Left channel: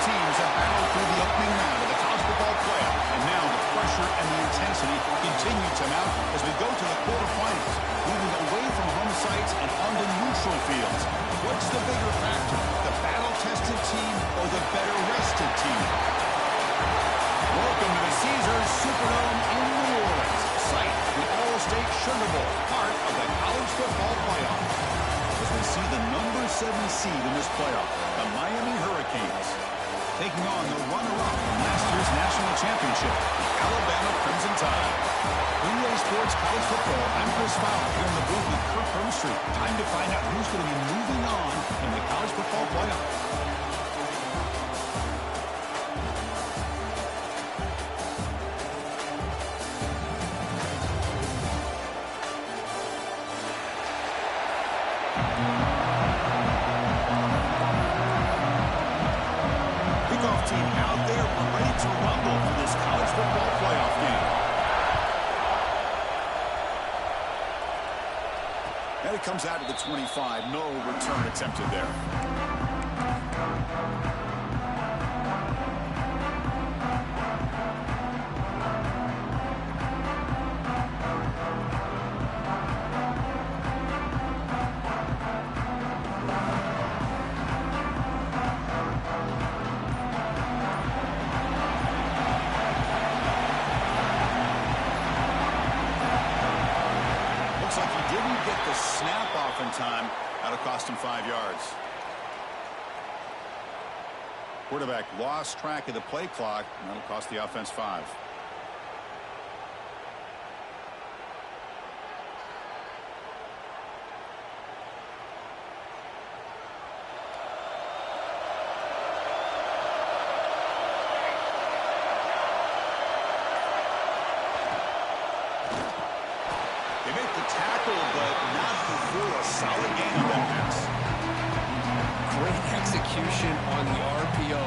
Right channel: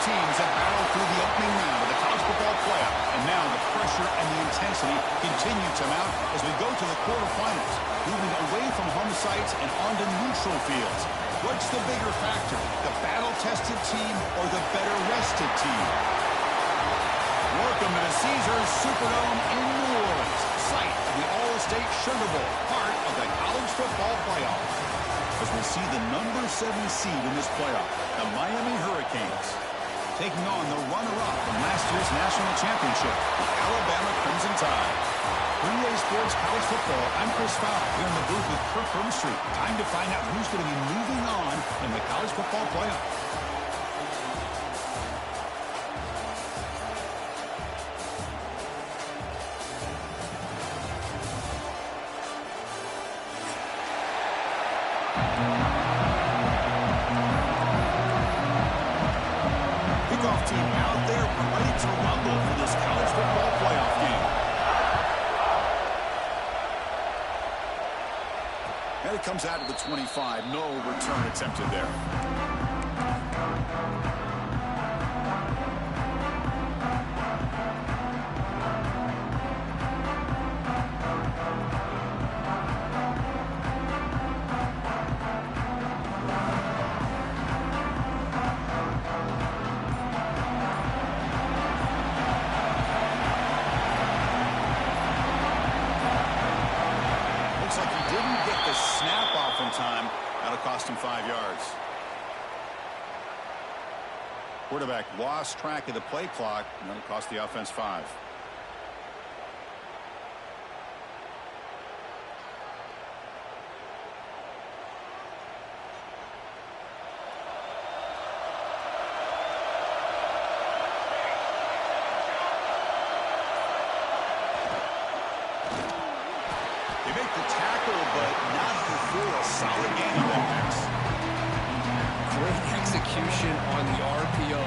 teams have battled through the opening round of the college football playoff, and now the pressure and the intensity continue to mount as we go to the quarterfinals, moving away from home sites and onto neutral fields. What's the bigger factor, the battle-tested team or the better-rested team? Welcome to the Caesars Superdome in New Orleans, site of the All-State Sugar Bowl, part of the college football playoff. As we see the number 7 seed in this playoff, the Miami Hurricanes, taking on the runner-up from last year's national championship, the Alabama Crimson Tide. 3A Sports College Football, I'm Chris Fowler here in the booth with Kirk Herbstreit. Time to find out who's going to be moving on in the college football playoff. Kickoff team out there ready to rumble for this college football playoff game. And it comes out of the 25. No return attempted there. Looks like he didn't get the snap off in time. That'll cost him 5 yards. Quarterback lost track of the play clock, and that'll cost the offense 5. They make the tackle, but not before a solid gain on that pass. Great execution on the RPO.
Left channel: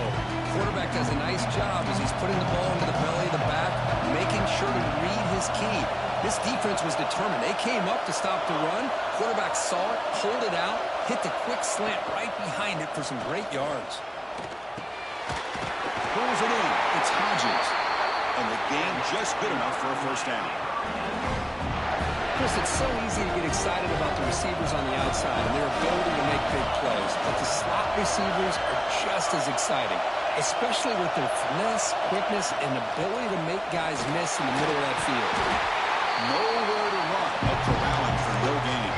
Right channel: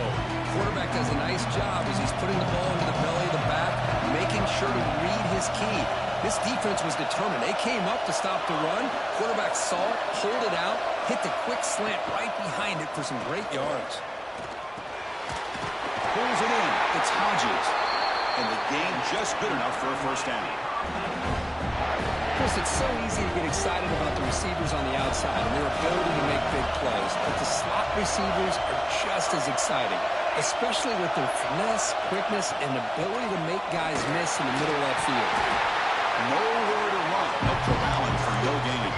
Quarterback does a nice job as he's putting the ball into the belly of the back, making sure to read his key. This defense was determined. They came up to stop the run. Quarterback saw it, pulled it out, hit the quick slant right behind it for some great yards. Pulls it in. It's Hodges. And the gain just good enough for a first down. Chris, it's so easy to get excited about the receivers on the outside and their ability to make big plays, but the slot receivers are just as exciting, especially with their finesse, quickness, and ability to make guys miss in the middle of that field. Nowhere to run. No corralling for no gain.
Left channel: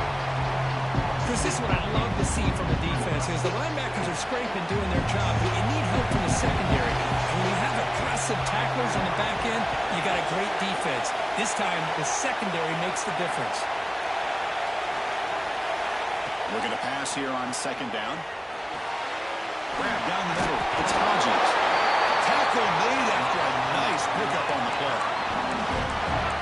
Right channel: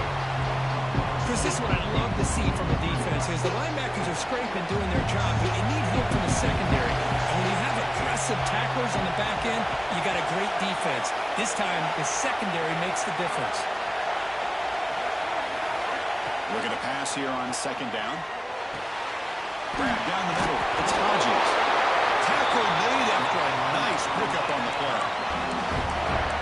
Chris, this is what I love to see from a defense is the linebackers are scraping, doing their job, but you need help from the secondary. And when you have aggressive tacklers on the back end, you got a great defense. This time, the secondary makes the difference. Looking to pass here on second down. Grab down the middle. It's Hodges. Tackle made after a nice pickup on the play.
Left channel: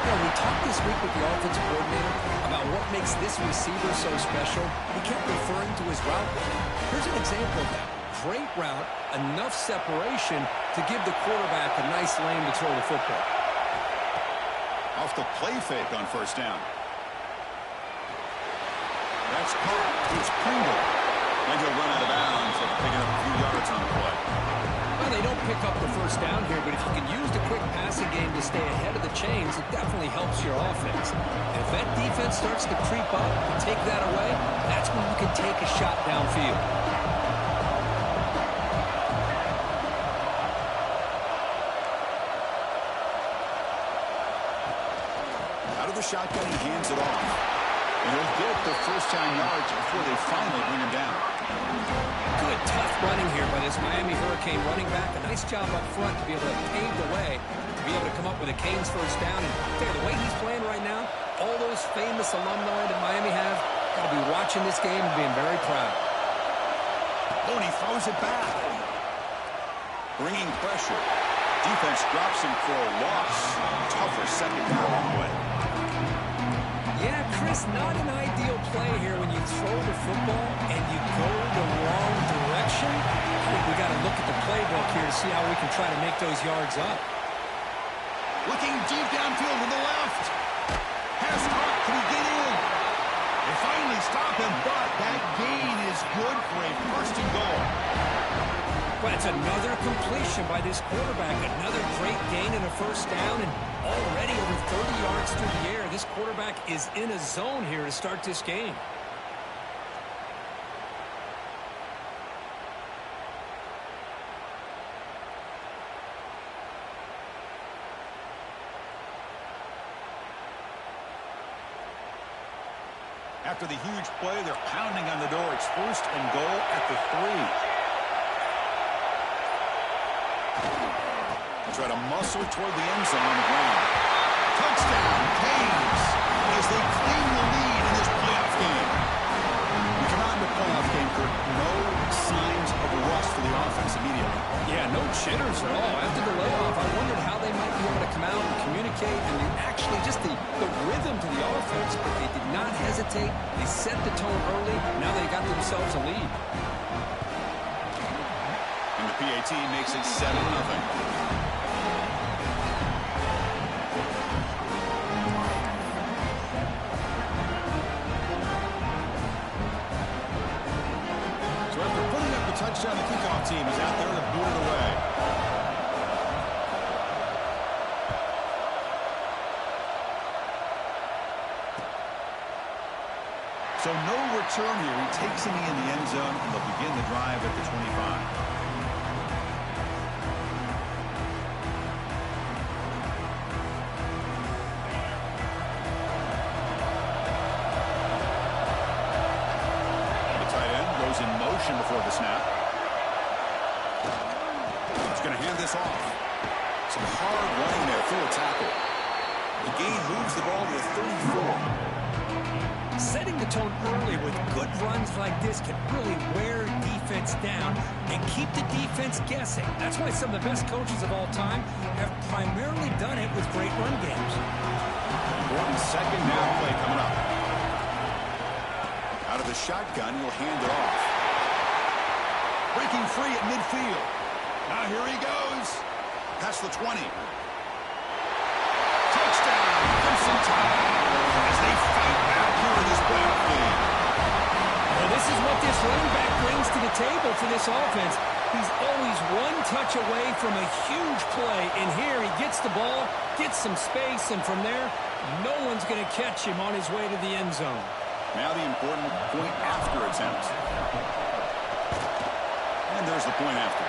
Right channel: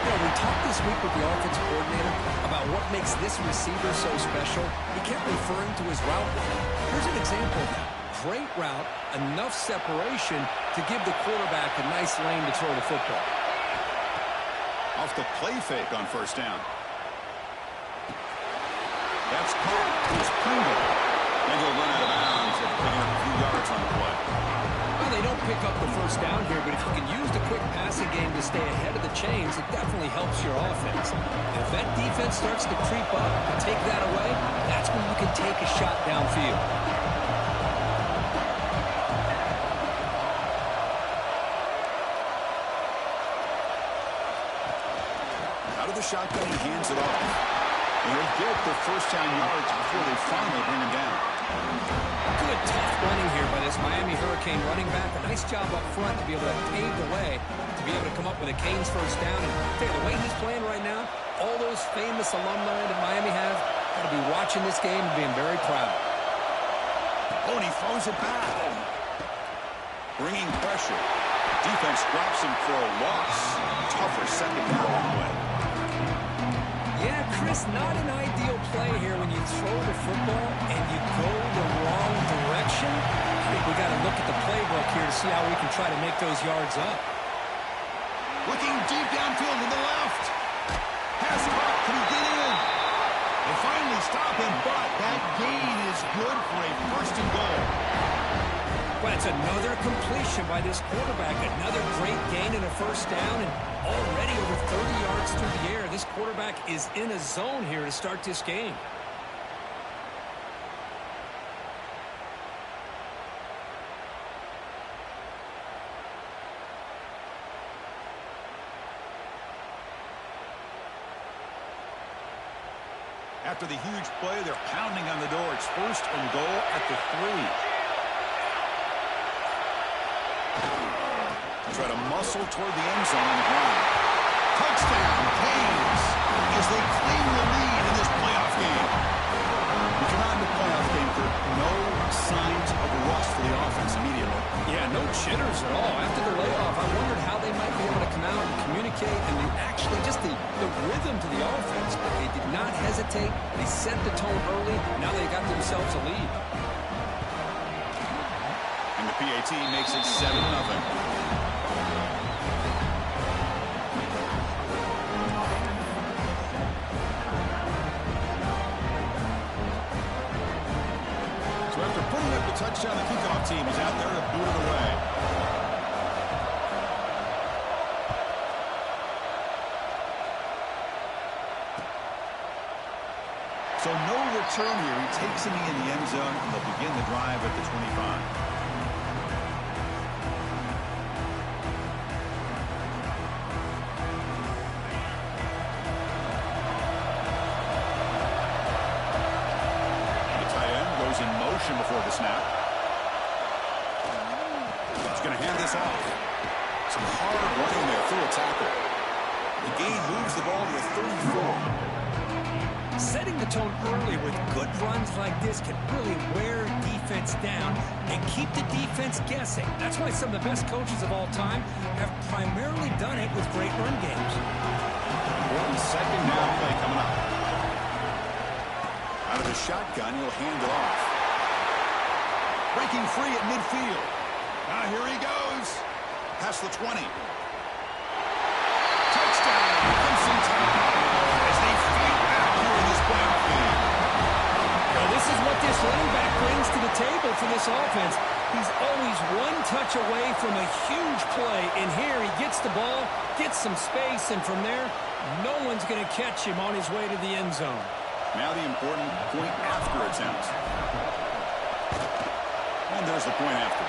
You know, we talked this week with the offensive coordinator about what makes this receiver so special. He kept referring to his route running. Here's an example of that. Great route, enough separation to give the quarterback a nice lane to throw the football. Off the play fake on first down. That's caught. It's Pringle. And he'll run out of bounds after picking up a few yards on the play. Well, they don't pick up the first down here, but if you can use the quick passing game to stay ahead of the chains, it definitely helps your offense. And if that defense starts to creep up and take that away, that's when you can take a shot downfield. Out of the shotgun, he hands it off. And he'll get the first down yards before they finally bring him down. Good, tough running here by this Miami Hurricane running back. A nice job up front to be able to pave the way, to be able to come up with a Canes first down. And the way he's playing right now, all those famous alumni that Miami have, got to be watching this game and being very proud. Oh, and he throws it back. Bringing pressure. Defense drops him for a loss. Tougher second down play. Yeah, Chris, not an ideal play here when you throw the football and you go the wrong direction. I think we got to look at the playbook here to see how we can try to make those yards up. Looking deep downfield to the left. Pass caught. Can he get in? They finally stop him, but that gain is good for a first and goal. Well, it's another completion by this quarterback. Another great gain and a first down, and already over 30 yards through the air. This quarterback is in a zone here to start this game. After the huge play, they're pounding on the door. It's 1st and goal at the 3. They'll try to muscle toward the end zone on the ground. Touchdown, Canes, as they claim the lead in this playoff game. We come out in the playoff game, Kirk, no signs of rust for the offense immediately. Yeah, no jitters at all. After the layoff, I wondered how they might be able to come out and communicate and actually just the rhythm to the offense. But they did not hesitate. They set the tone early. Now they got themselves a lead. And the PAT makes it 7-0. So after putting up the touchdown, the kickoff team is out there to boot it away. So no return here. He takes him in the end zone, and they'll begin the drive at the 25. In motion before the snap. He's going to hand this off. Some hard running there through a tackle. The gain moves the ball to the 34. Setting the tone early with good runs like this can really wear defense down and keep the defense guessing. That's why some of the best coaches of all time have primarily done it with great run games. Important 2nd down play coming up. Out of the shotgun, he'll hand it off. Breaking free at midfield. Now here he goes. Past the 20. Touchdown, Crimson Tide, as they fight back here in this playoff game. Well, this is what this running back brings to the table for this offense. He's always one touch away from a huge play. And here he gets the ball, gets some space, and from there, no one's going to catch him on his way to the end zone. Now the important point after attempt. And there's the point after.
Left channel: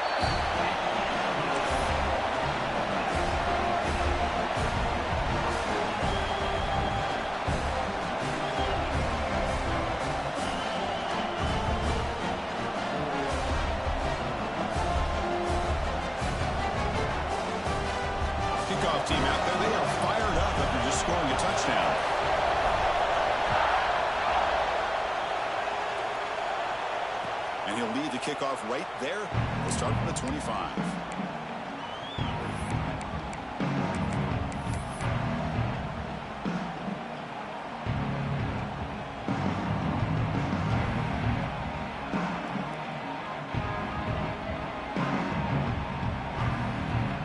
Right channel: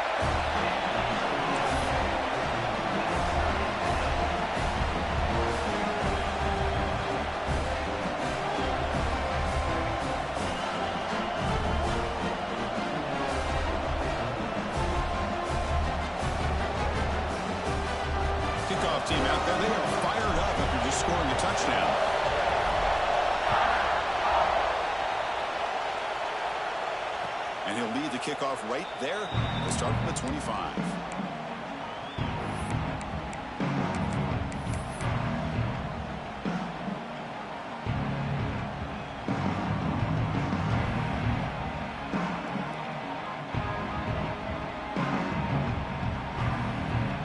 Kickoff team out there, they are fired up after just scoring a touchdown. And he'll lead the kickoff right there. We'll start from the 25.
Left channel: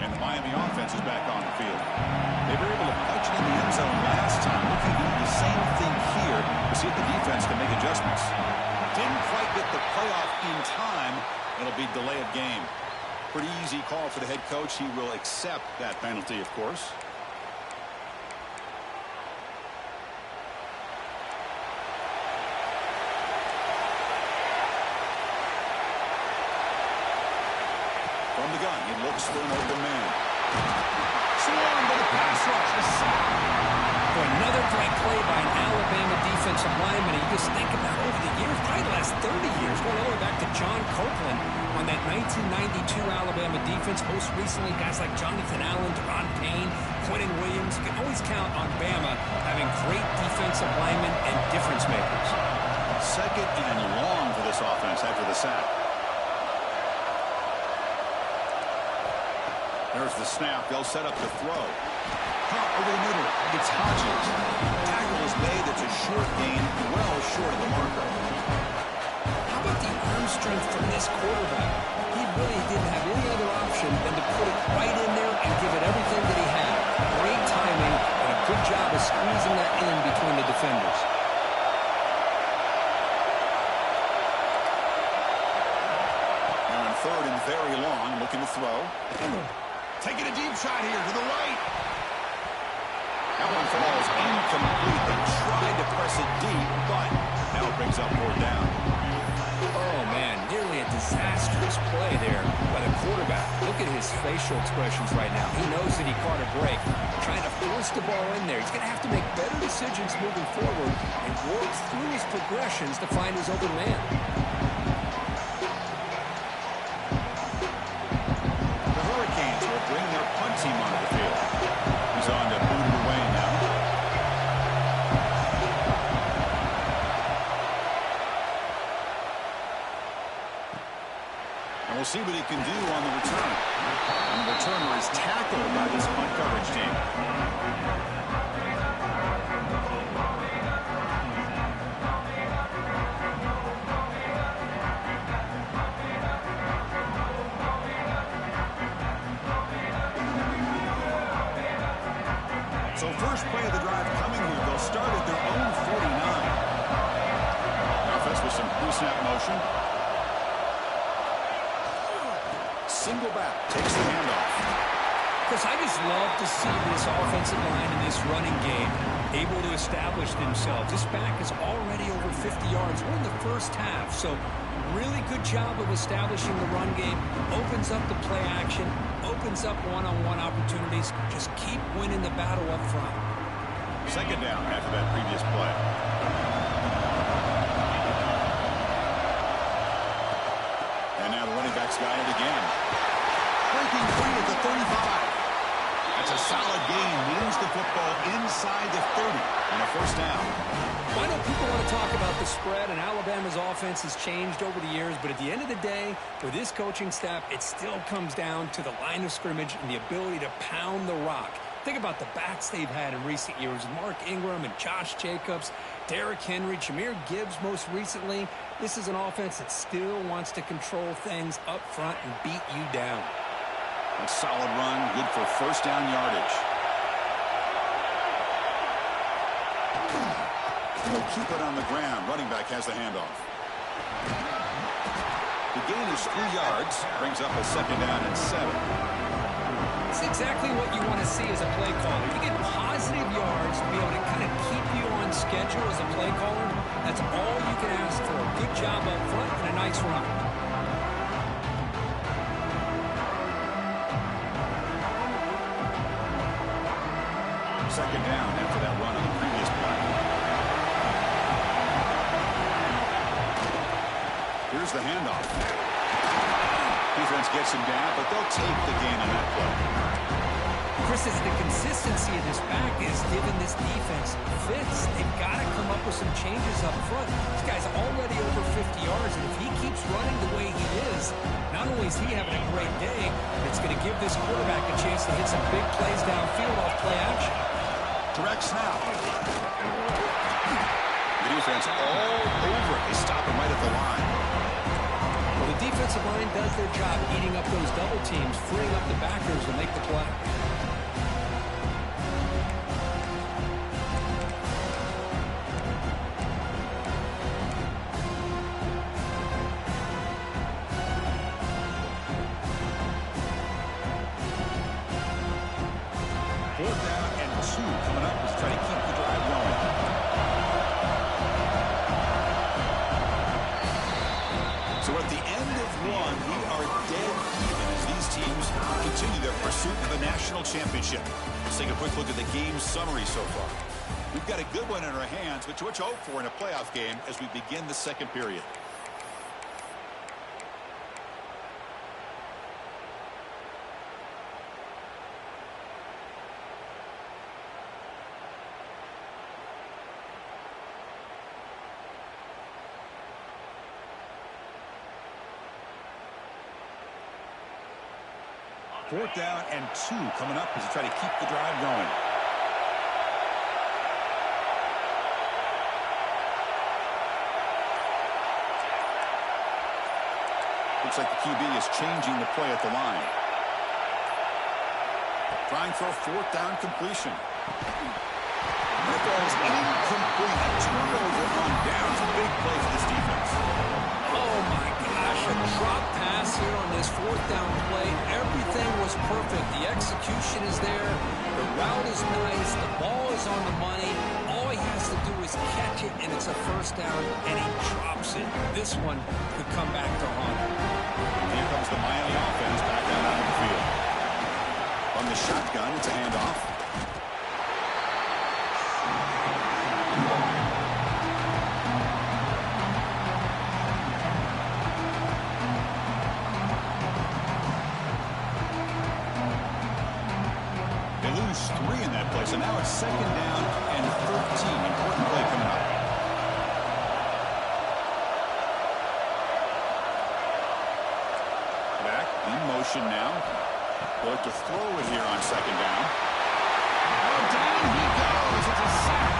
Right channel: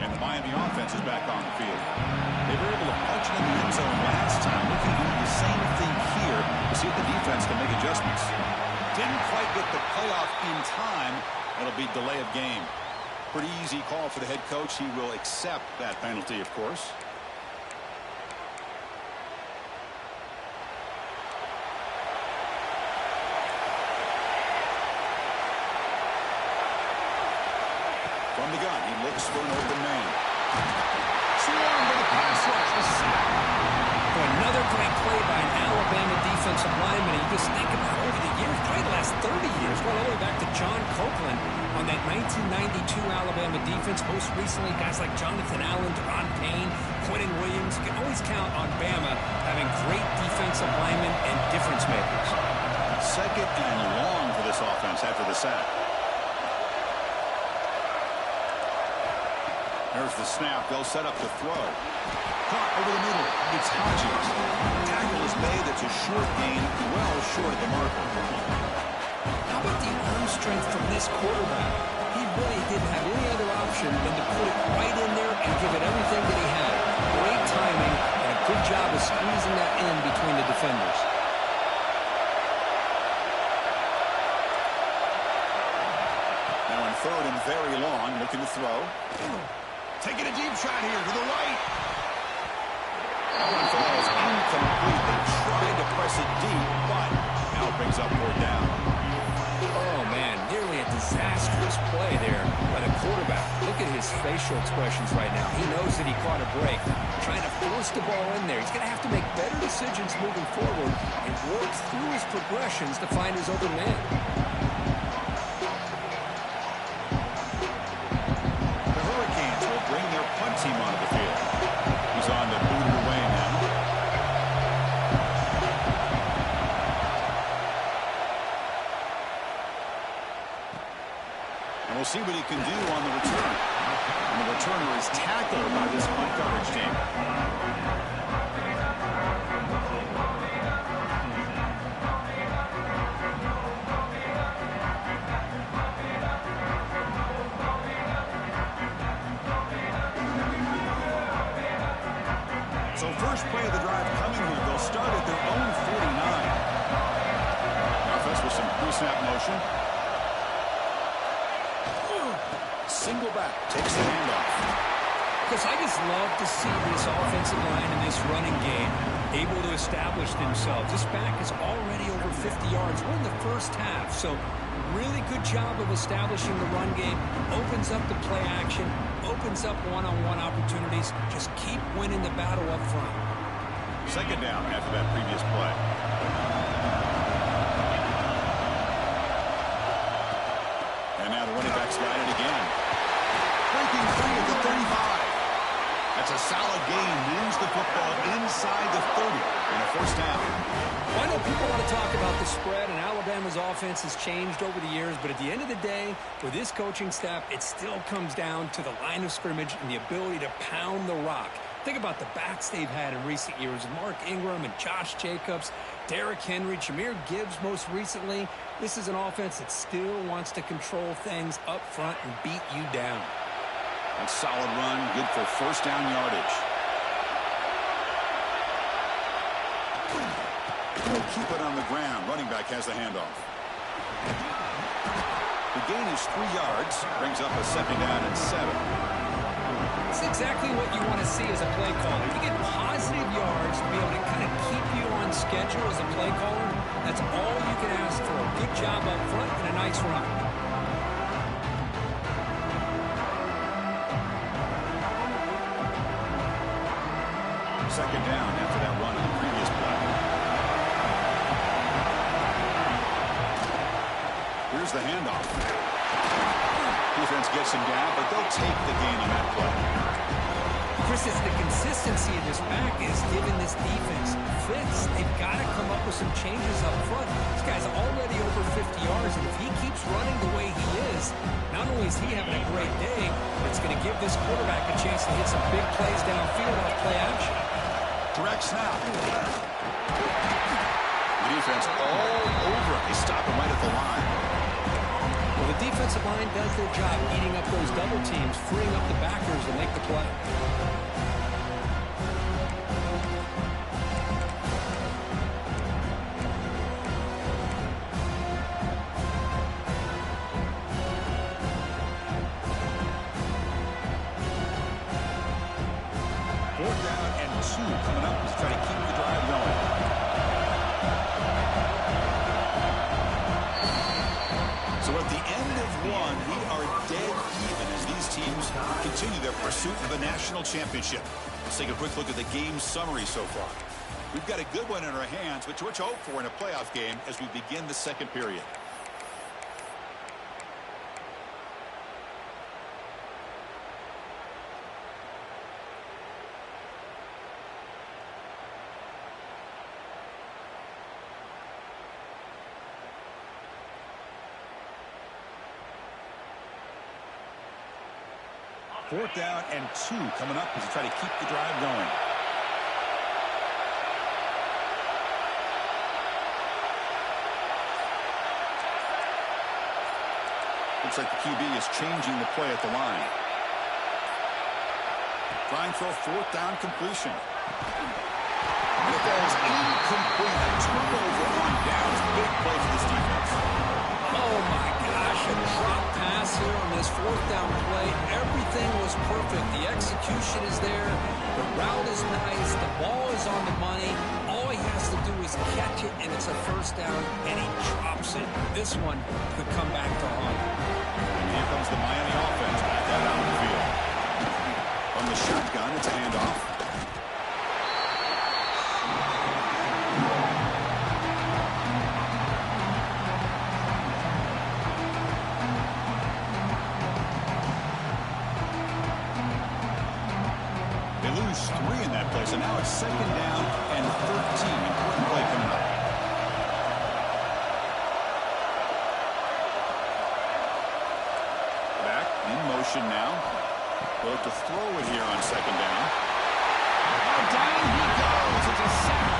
And the Miami offense is back on the field. They were able to punch it in the end zone last time. Looking to do the same thing here to see if the defense can make adjustments. Didn't quite get the playoff in time. It'll be delay of game. Pretty easy call for the head coach. He will accept that penalty, of course. From the gun, he looks for an open man. Swarmed by the pass rush. A sack. Another great play by an Alabama defensive lineman. You just think about over the years, probably the last 30 years, going all the way back to John Copeland on that 1992 Alabama defense. Most recently, guys like Jonathan Allen, Deron Payne, Quentin Williams. You can always count on Bama having great defensive linemen and difference makers. 2nd and long for this offense after the sack. There's the snap. They'll set up the throw. Caught over the middle. It's Hodges. Tackle is made. It's a short gain, well short of the marker. How about the arm strength from this quarterback? He really didn't have any other option than to put it right in there and give it everything that he had. Great timing and a good job of squeezing that in between the defenders. Now in third and very long, looking to throw. Taking a deep shot here to the right. That one falls incomplete. They tried to press it deep, but now it brings up 4th down. Oh, man, nearly a disastrous play there by the quarterback. Look at his facial expressions right now. He knows that he caught a break, trying to force the ball in there. He's going to have to make better decisions moving forward and work through his progressions to find his open man. The Hurricanes will bring their punt team onto the field. He's on to boot it away now. And we'll see what he can do on the return. And the returner is tackled by this punt coverage team. So first play of the drive coming here. They'll start at their own 49. Offense with some pre-snap motion. Single back, takes the handoff. Because I just love to see this offensive line in this running game able to establish themselves. This back is already over 50 yards. We're in the first half, so really good job of establishing the run game. Opens up the play action, opens up one-on-one opportunities. Just keep winning the battle up front. 2nd down after that previous play. And now the running back's got it again. Breaking free at the 35. That's a solid gain. Moves the football inside the 30 and a 1st down. Well, I know people want to talk about the spread, and Alabama's offense has changed over the years, but at the end of the day, with this coaching staff, it still comes down to the line of scrimmage and the ability to pound the rock. Think about the backs they've had in recent years. Mark Ingram and Josh Jacobs, Derrick Henry, Jahmyr Gibbs most recently. This is an offense that still wants to control things up front and beat you down. A solid run, good for 1st down yardage. He'll keep it on the ground. Running back has the handoff. The gain is 3 yards. Brings up a 2nd down and 7. It's exactly what you want to see as a play caller. You get positive yards to be able to kind of keep you on schedule as a play caller. That's all you can ask for. Good job up front and a nice run. 2nd down after that run on the previous play. Here's the handoff. Defense gets him down, but they'll take the gain on that play. Chris, it's the consistency of this back is giving this defense fits. They've got to come up with some changes up front. This guy's already over 50 yards, and if he keeps running the way he is, not only is he having a great day, but it's going to give this quarterback a chance to hit some big plays downfield off play action. Direct snap. The defense all over it. They stop him right at the line. Well, the defensive line does their job eating up those double teams, freeing up the backers to make the play. Fourth down and 2 coming up as they try to keep the drive going. So at the end of 1, we are dead even as these teams continue their pursuit of the national championship. Let's take a quick look at the game summary so far. We've got a good one in our hands, which we're to hope for in a playoff game as we begin the 2nd period. Fourth down and 2 coming up as they try to keep the drive going. Looks like the QB is changing the play at the line. Trying for a 4th down completion. And it falls incomplete. A turnover on downs. Big play for this defense. Oh, my gosh, a drop pass here on this fourth down play. Everything was perfect. The execution is there. The route is nice. The ball is on the money. All he has to do is catch it, and it's a first down, and he drops it. This one could come back to haunt him. And here comes the Miami offense back out on the field. From the shotgun, it's a handoff. They lose 3 in that play, so now it's second down and 13. Important play coming up. Back in motion now. They'll look to throw it here on second down. Oh, down he goes. It's a sack.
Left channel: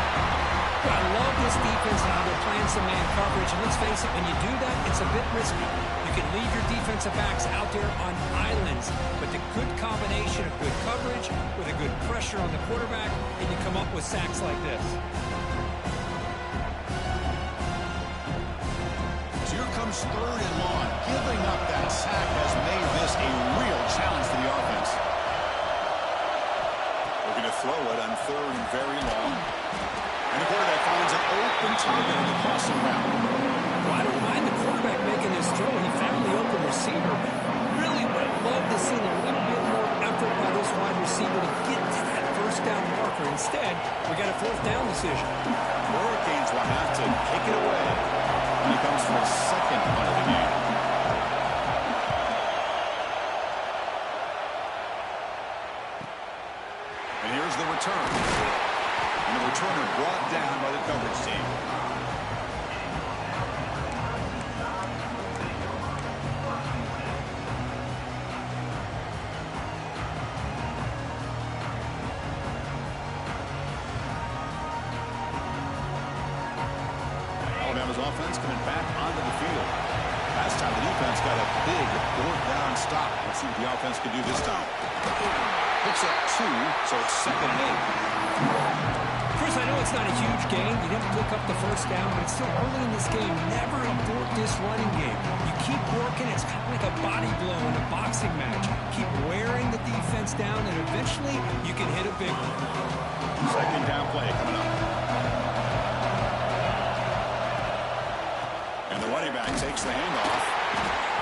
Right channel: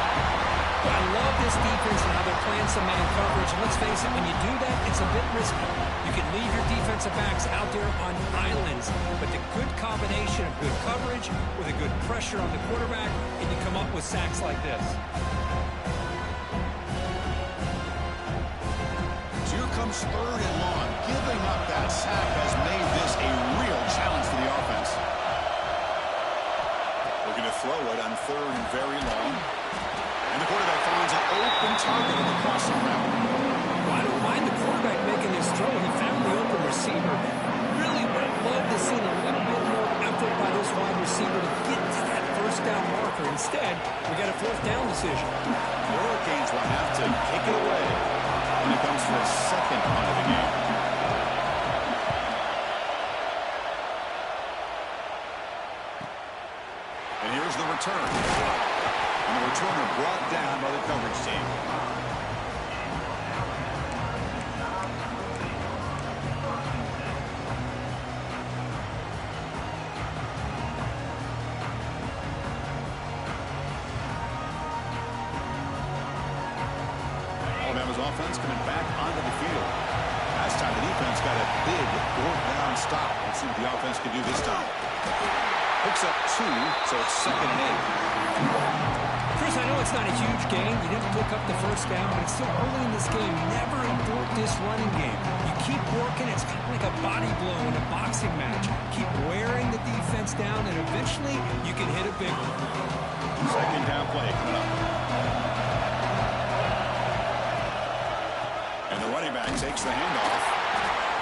Well, I love this defense and how they're playing some man coverage. And let's face it, when you do that, it's a bit risky. You can leave your defensive backs out there on islands, but the good combination of good coverage with a good pressure on the quarterback, and you come up with sacks like this. So here comes third and long. Giving up that sack has made this a real challenge for the offense. Looking to throw it on third and very long. And the quarterback finds an open target on the crossing route. Well, I don't mind the quarterback making this throw. He found the open receiver. Really would have loved to see a bit more effort by this wide receiver to get to that first down marker. Instead, we got a fourth down decision. The Hurricanes will have to kick it away when it comes to a second punt of the game. And here's the return. And the returner brought down by the coverage team. Alabama's offense coming back onto the field. Last time the defense got a big fourth down stop. Let's see what the offense can do this time. Picks up 2, so it's second and 8. Chris, I know it's not a huge gain. You didn't pick up the first down, but it's still early in this game. Never abort this running game. You keep working. It's kind of like a body blow in a boxing match. Keep wearing the defense down, and eventually you can hit a big one. Second down play coming up. And the running back takes the handoff.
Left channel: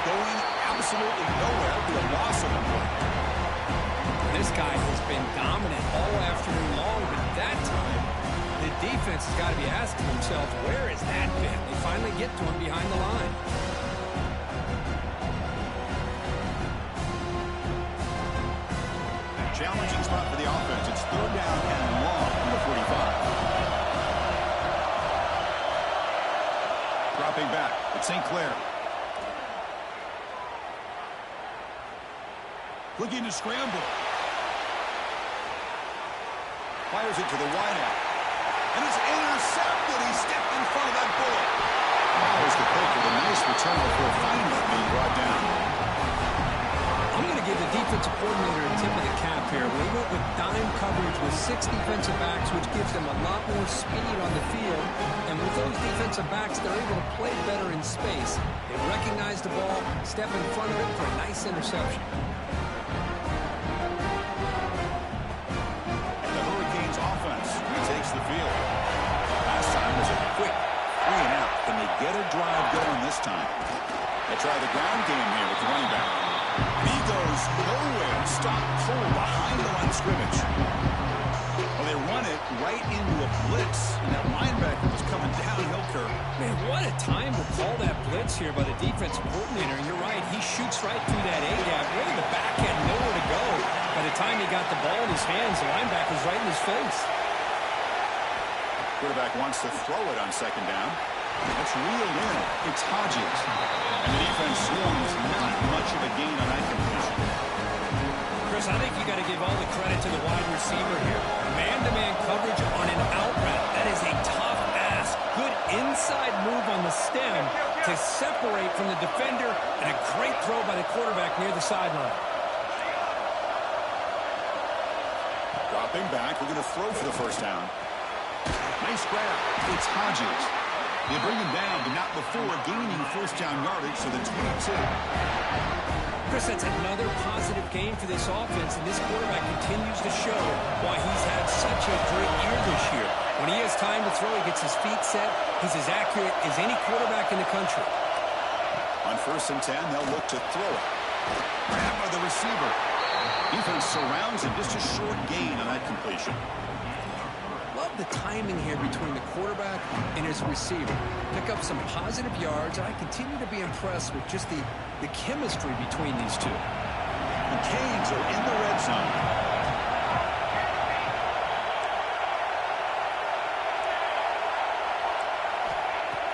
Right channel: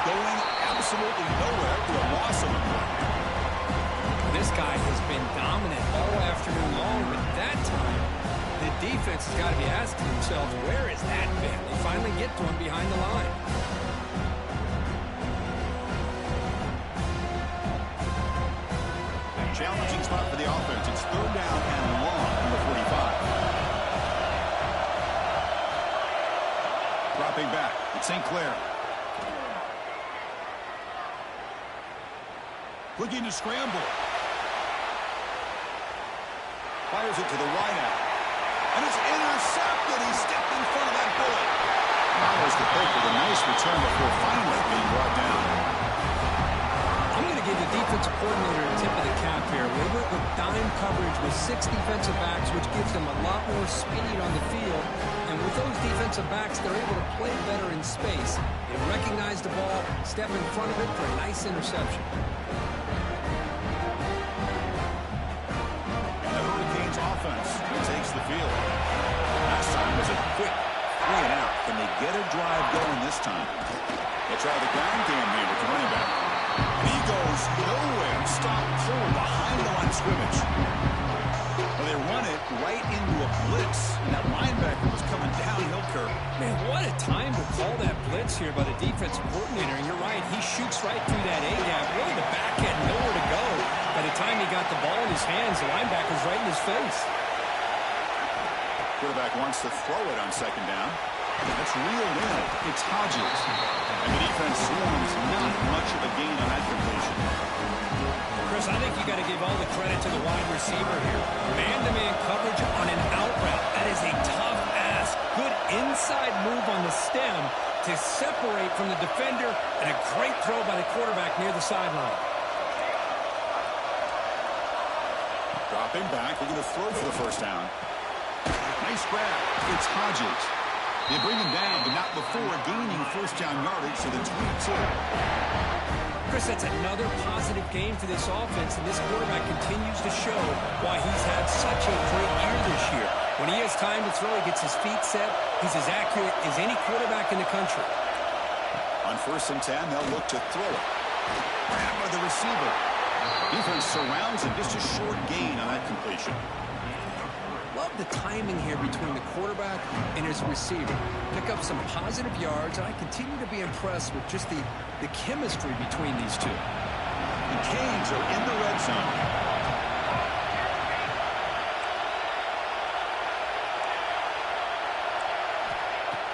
Going absolutely nowhere for a loss of a play. This guy has been dominant all afternoon long, but that time, the defense has got to be asking themselves, where has that been? They finally get to him behind the line. A challenging spot for the offense. It's third down and long from the 45. Dropping back, it's St. Clair. Looking to scramble. Fires it to the wideout. And it's intercepted. He stepped in front of that bullet. Follows the pick with a nice return before finally being brought down. I'm going to give the defensive coordinator a tip of the cap here. They went with dime coverage with 6 defensive backs, which gives them a lot more speed on the field. And with those defensive backs, they're able to play better in space. They recognize the ball, step in front of it for a nice interception. Offense retakes the field. Last time was a quick 3 and out. Can they get a drive going this time? They try the ground game here with the running back. And he goes nowhere. Stop pull behind the line of scrimmage. Well, they run it right into a blitz, and that linebacker was coming downhill curve. Man, what a time to call that blitz here by the defensive coordinator. And you're right, he shoots right through that A-gap. Really, the back had nowhere to go. By the time he got the ball in his hands, the linebacker's right in his face. Quarterback wants to throw it on second down. That's reeled in. It's Hodges. And the defense swarms not much of a gain on that completion. Chris, I think you got to give all the credit to the wide receiver here. Man-to-man coverage on an out route. That is a tough ask. Good inside move on the stem to separate from the defender, and a great throw by the quarterback near the sideline. Dropping back, looking to throw for the first down. Nice grab. It's Hodges. They bring him down, but not before gaining first down yardage to the 22. Chris, that's another positive game for this offense, and this quarterback continues to show why he's had such a great year this year. When he has time to throw, he gets his feet set. He's as accurate as any quarterback in the country. On 1st and 10, they'll look to throw it. Grab by the receiver. Defense surrounds him. Just a short gain on that completion. Love the timing here between the quarterback and his receiver. Pick up some positive yards, and I continue to be impressed with just the chemistry between these two. The Canes are in the red zone.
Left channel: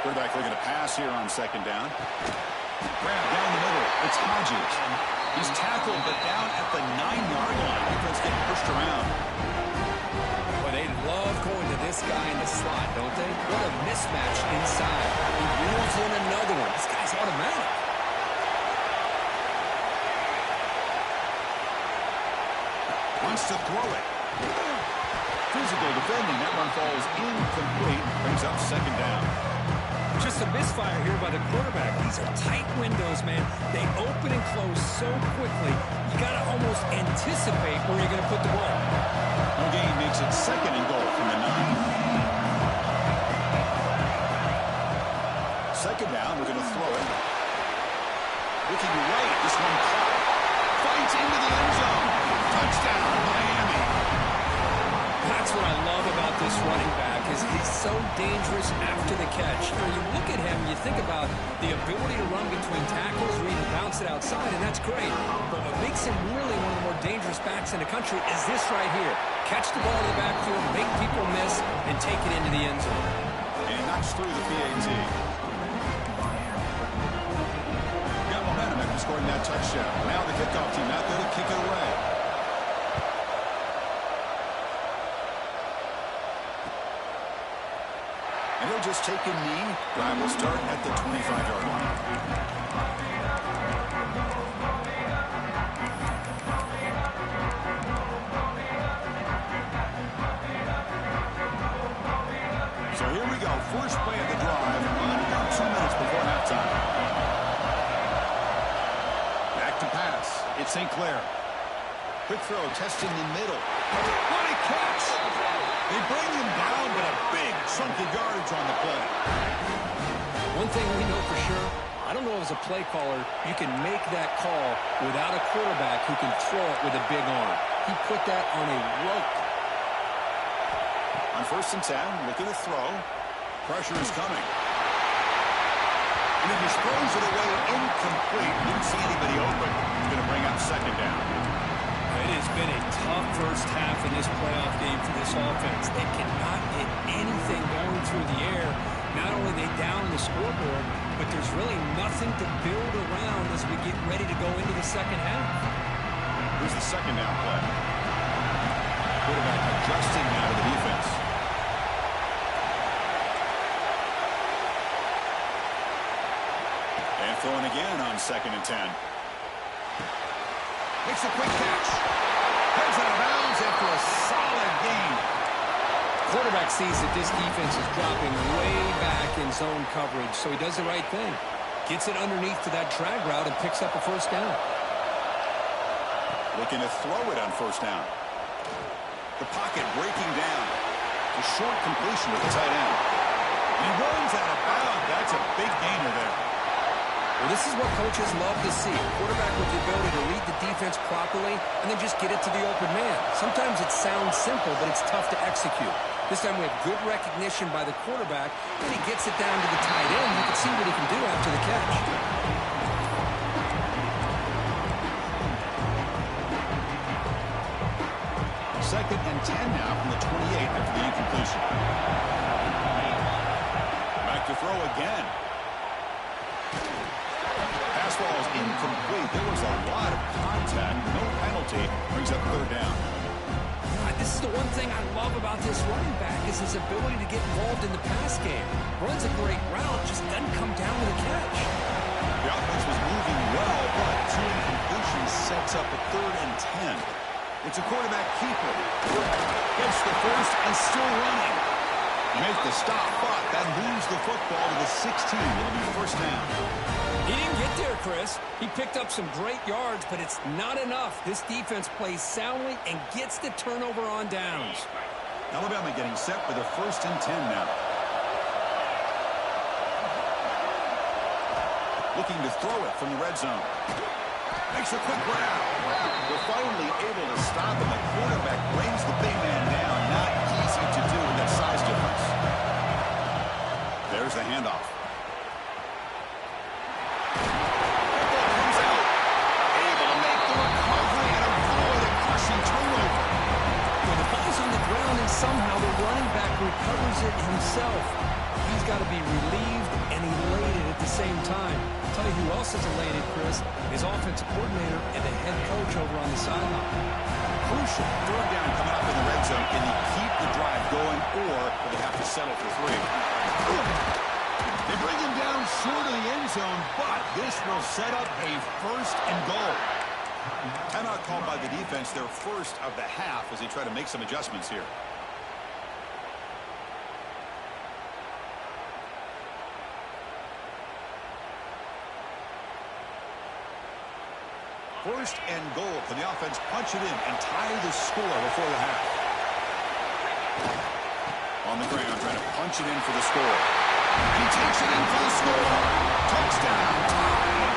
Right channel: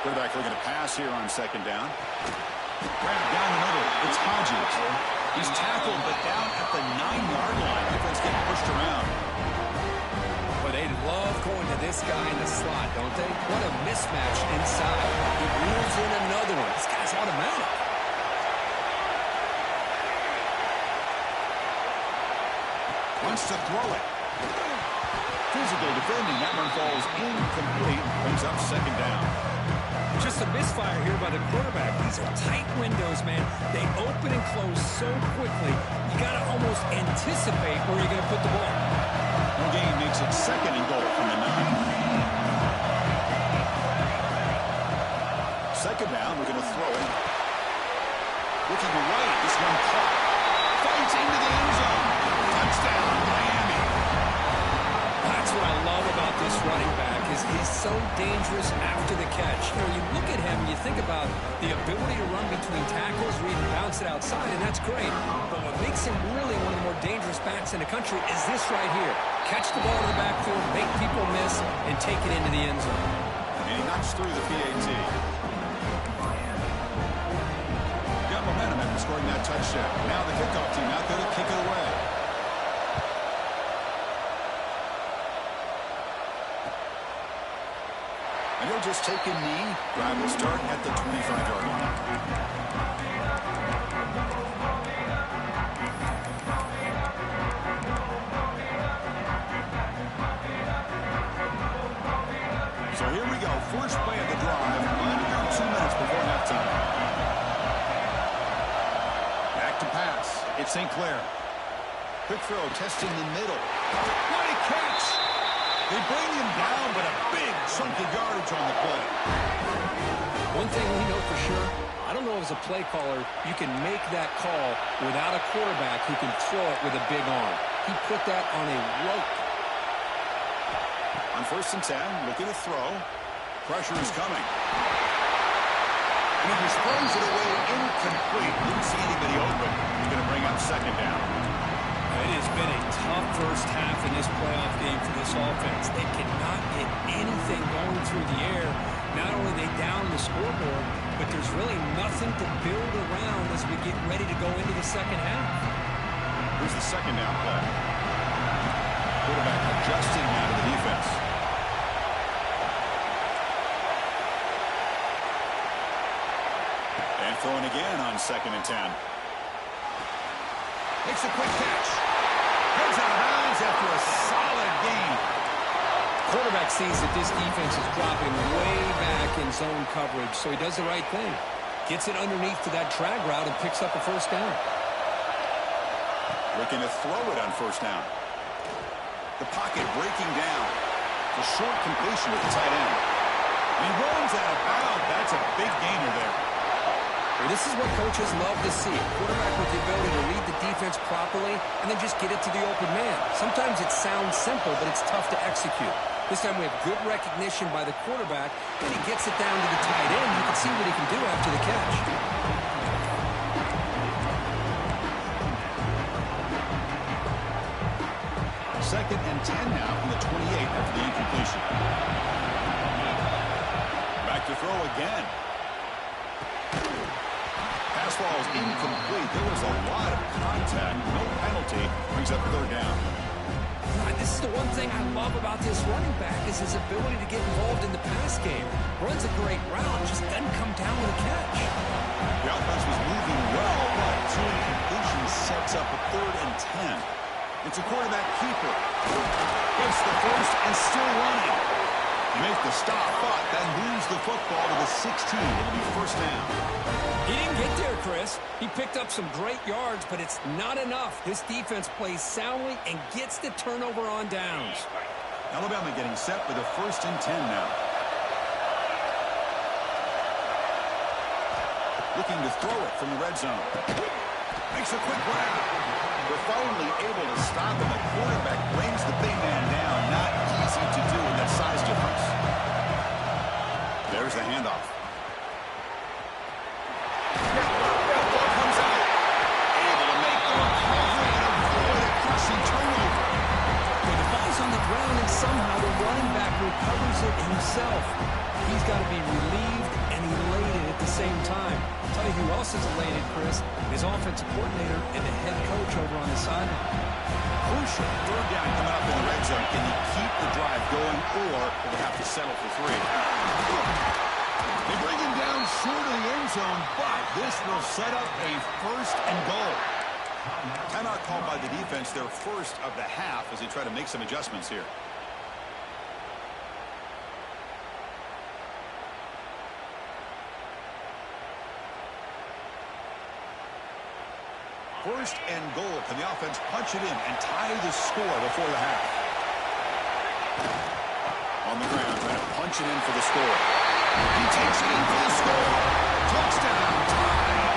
Quarterback looking to pass here on 2nd down. Grab down the middle. It's Hodges. He's tackled, but down at the 9-yard line. Defense getting pushed around. Well, they love going to this guy in the slot, don't they? What a mismatch inside. He reels in another one. This guy's automatic. Wants to throw it. Physical defending. That one falls incomplete. Brings up 2nd down. Just a misfire here by the quarterback. These are tight windows, man. They open and close so quickly. You got to almost anticipate where you're going to put the ball. No gain makes it 2nd and goal from the 9. 2nd down, we're going to throw it. Looking right, this one caught. Fights into the end zone. Touchdown, Miami. That's what I love about this running back is he's so dangerous after the catch. You know, you look at him, you think about the ability to run between tackles or even bounce it outside, and that's great. But what makes him really one of the more dangerous backs in the country is this right here. Catch the ball to the backfield, make people miss, and take it into the end zone. And he knocks through the PAT. Got momentum after scoring that touchdown. Now the kickoff team out there to kick it away. And he'll just take a knee. Drive will start at the 25-yard line. So here we go. First play of the drive. Under 2 minutes before halftime. Back to pass. It's St. Clair. Quick throw, testing the middle. What a catch! They bring him down, but a big chunk of yardage on the play. One thing we know for sure, I don't know as a play caller, you can make that call without a quarterback who can throw it with a big arm. He put that on a rope. On 1st and 10, looking to throw. Pressure is coming. And he just throws it away incomplete. Didn't see anybody open. He's going to bring up 2nd down. It has been a tough first half in this playoff game for this offense. They cannot get anything going through the air. Not only are they down the scoreboard, but there's really nothing to build around as we get ready to go into the second half. Here's the 2nd down play. Quarterback adjusting now to the defense. And throwing again on 2nd and 10. Makes a quick catch. Heads out of bounds after a solid gain. Quarterback sees that this defense is dropping way back in zone coverage, so he does the right thing. Gets it underneath to that drag route and picks up a 1st down. Looking to throw it on 1st down. The pocket breaking down. The short completion to the tight end. And he runs out of bounds. That's a big gainer there. Well, this is what coaches love to see. A quarterback with the ability to read the defense properly and then just get it to the open man. Sometimes it sounds simple, but it's tough to execute. This time we have good recognition by the quarterback, and he gets it down to the tight end. You can see what he can do after the catch. 2nd and 10 now from the 28 after the incompletion. Back to throw again. Pass ball is incomplete. There was a lot of contact. No penalty. Brings up 3rd down. This is the one thing I love about this running back is his ability to get involved in the pass game. Runs a great route, just doesn't come down with a catch. The offense was moving well, but 2 incompletions sets up a 3rd and 10. It's a quarterback keeper. Gets the first and still running. Make the stop, but that moves the football to the 16. It'll be first down. He didn't get there, Chris. He picked up some great yards, but it's not enough. This defense plays soundly and gets the turnover on downs. Alabama getting set for the 1st and 10 now. Looking to throw it from the red zone. Makes a quick grab. They're finally able to stop him. The quarterback brings the big man down. Not easy to do with that size difference. There's the handoff. Football comes out. Able to make the recovery and avoid a crushing turnover. When the ball's on the ground and somehow the running back recovers it himself, he's got to be relieved and elated at the same time. I'll tell you who else is elated, Chris, his offensive coordinator and the head coach over on the sideline. Crucial 3rd down coming up in the red zone. Can they keep the drive going, or will they have to settle for 3? They bring him down short of the end zone, but this will set up a 1st and goal. Timeout called by the defense, their first of the half, as they try to make some adjustments here. First and goal. Can the offense punch it in and tie the score before the half? On the ground, trying to punch it in for the score. He takes it in for the score. Touchdown, tie.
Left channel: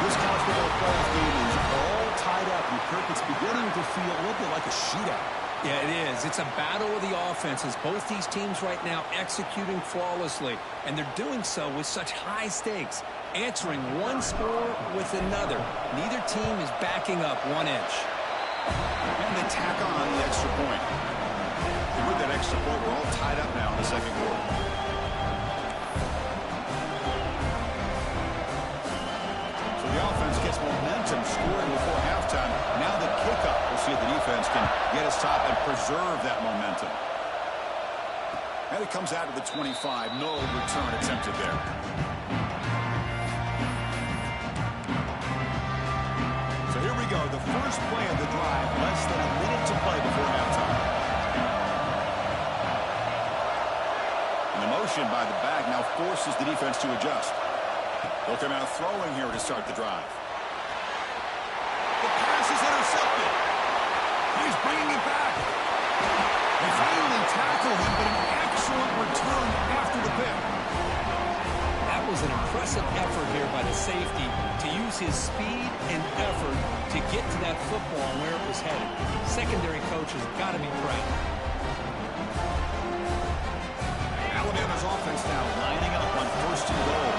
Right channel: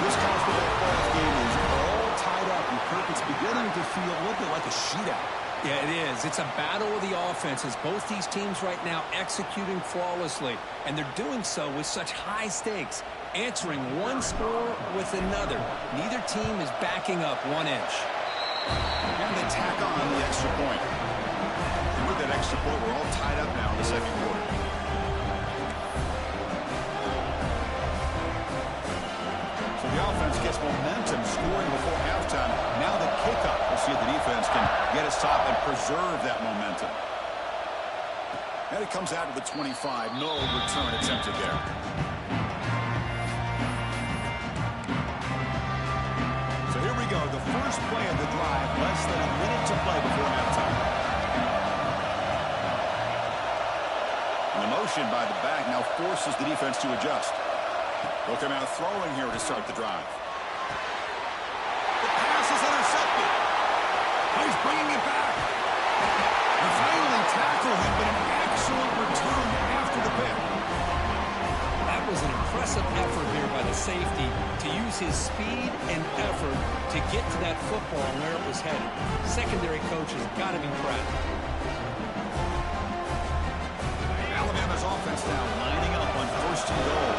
This college football playoff game is all tied up, and Kirk, it's beginning to feel a little bit like a shootout. Yeah, it is. It's a battle of the offenses. Both these teams right now executing flawlessly, and they're doing so with such high stakes, answering one score with another. Neither team is backing up 1 inch. And they tack on the extra point. And with that extra point, we're all tied up now in the 2nd quarter. So the offense gets momentum, scoring before halftime. Now the kickoff. We'll see if the defense can get a stop and preserve that momentum. And it comes out to the 25. No return attempted there. So here we go. The first play of the drive. Less than a minute to play before halftime. And the motion by the back now forces the defense to adjust. They'll come out throwing here to start the drive. The pass is intercepted. He's bringing it back. They finally tackle him, but an excellent return after the pick. That was an impressive effort here by the safety to use his speed and effort to get to that football and where it was headed. Secondary coach has got to be proud. Alabama's offense now lining up on 1st and goal.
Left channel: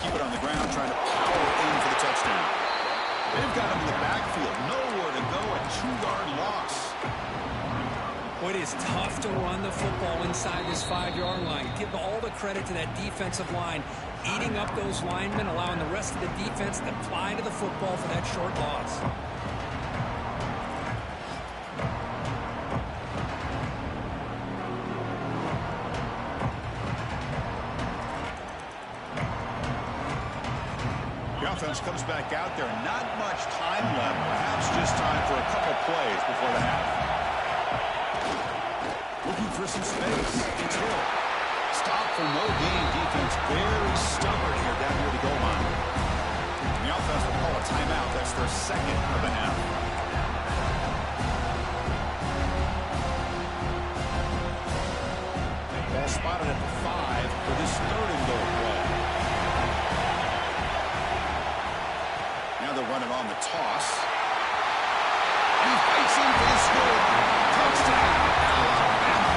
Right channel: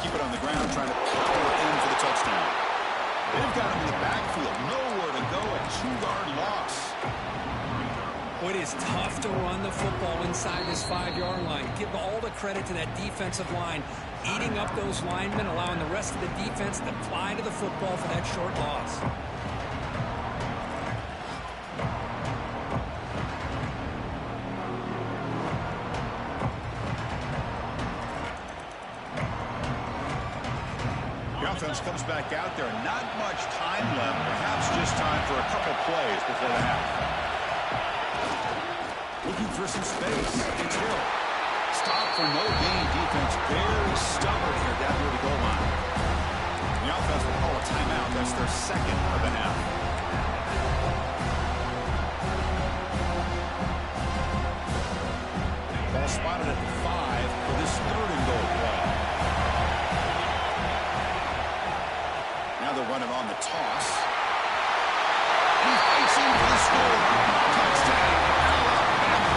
Keep it on the ground, trying to power in for the touchdown. They've got him in the backfield. Nowhere to go, a 2-yard loss. Boy, it is tough to run the football inside this 5-yard line. Give all the credit to that defensive line, eating up those linemen, allowing the rest of the defense to fly to the football for that short loss. Offense comes back out there. Not much time left. Perhaps just time for a couple plays before the half. Looking for some space. It's Hill. Stop for no gain. Defense very stubborn here down near the goal line. The offense will call a timeout. That's their 2nd of the half. Ball spotted at the 5 for this 3rd and goal play. Now they're running on the toss. And he fights in for the score. Touchdown, Alabama.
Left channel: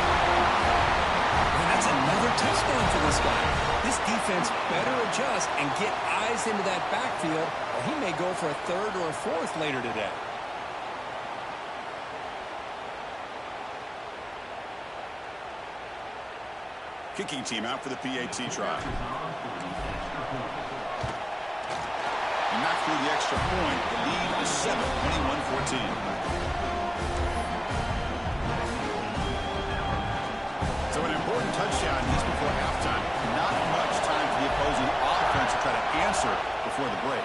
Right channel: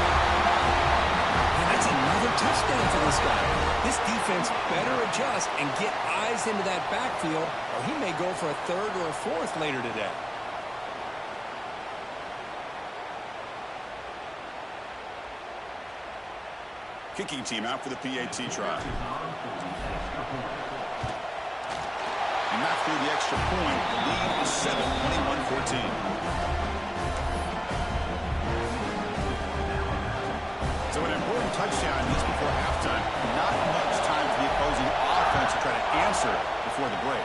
And that's another touchdown for this guy. This defense better adjust and get eyes into that backfield, or he may go for a 3rd or a 4th later today. Kicking team out for the PAT try. And not through the extra point. The lead is 7, 21-14. So an important touchdown just before halftime. Not much time for the opposing offense to try to answer before the break.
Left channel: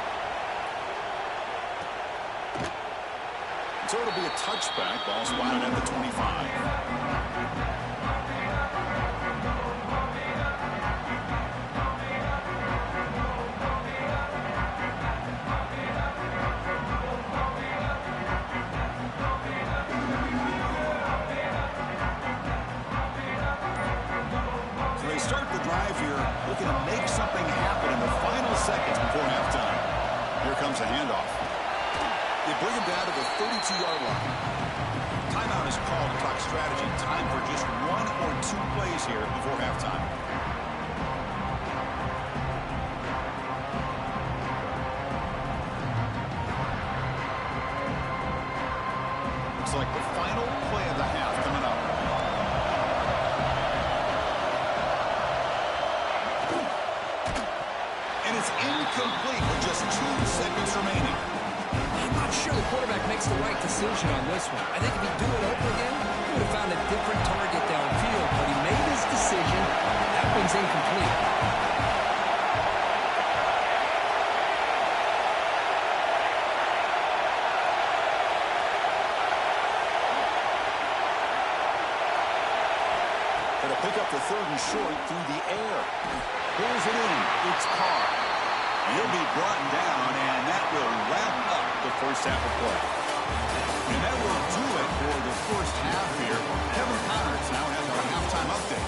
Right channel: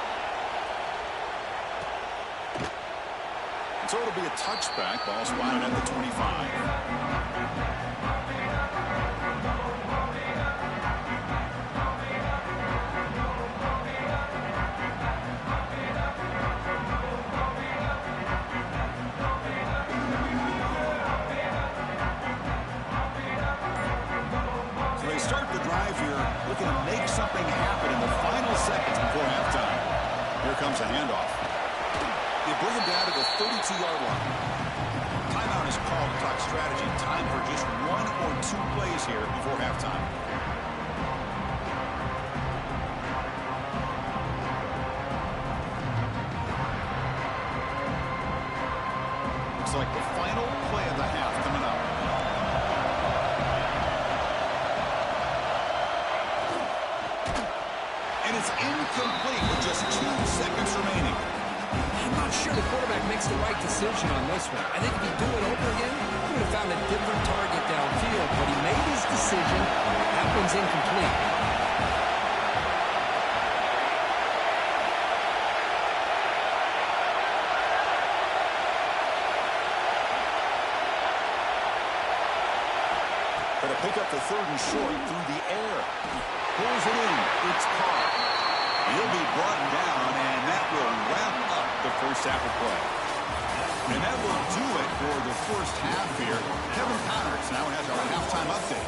So it'll be a touchback. Ball spotted at the 25. Looking to make something happen in the final seconds before halftime. Here comes a handoff. They bring him down to the 32-yard line. Timeout is called to talk strategy. Time for just 1 or 2 plays here before halftime. Looks like the final play of the half coming up. And it's incomplete with just 2 seconds remaining. I'm not sure the quarterback makes the right decision on this one. I think if he'd do it over again, he would have found a different target downfield, but he made his decision. That one's incomplete. Going to pick up the 3rd and short through the air. Pulls it in. It's Carr. He'll be brought down, and that will wrap up the first half of play. And that will do it for the first half here. Kevin Connors now has our halftime update.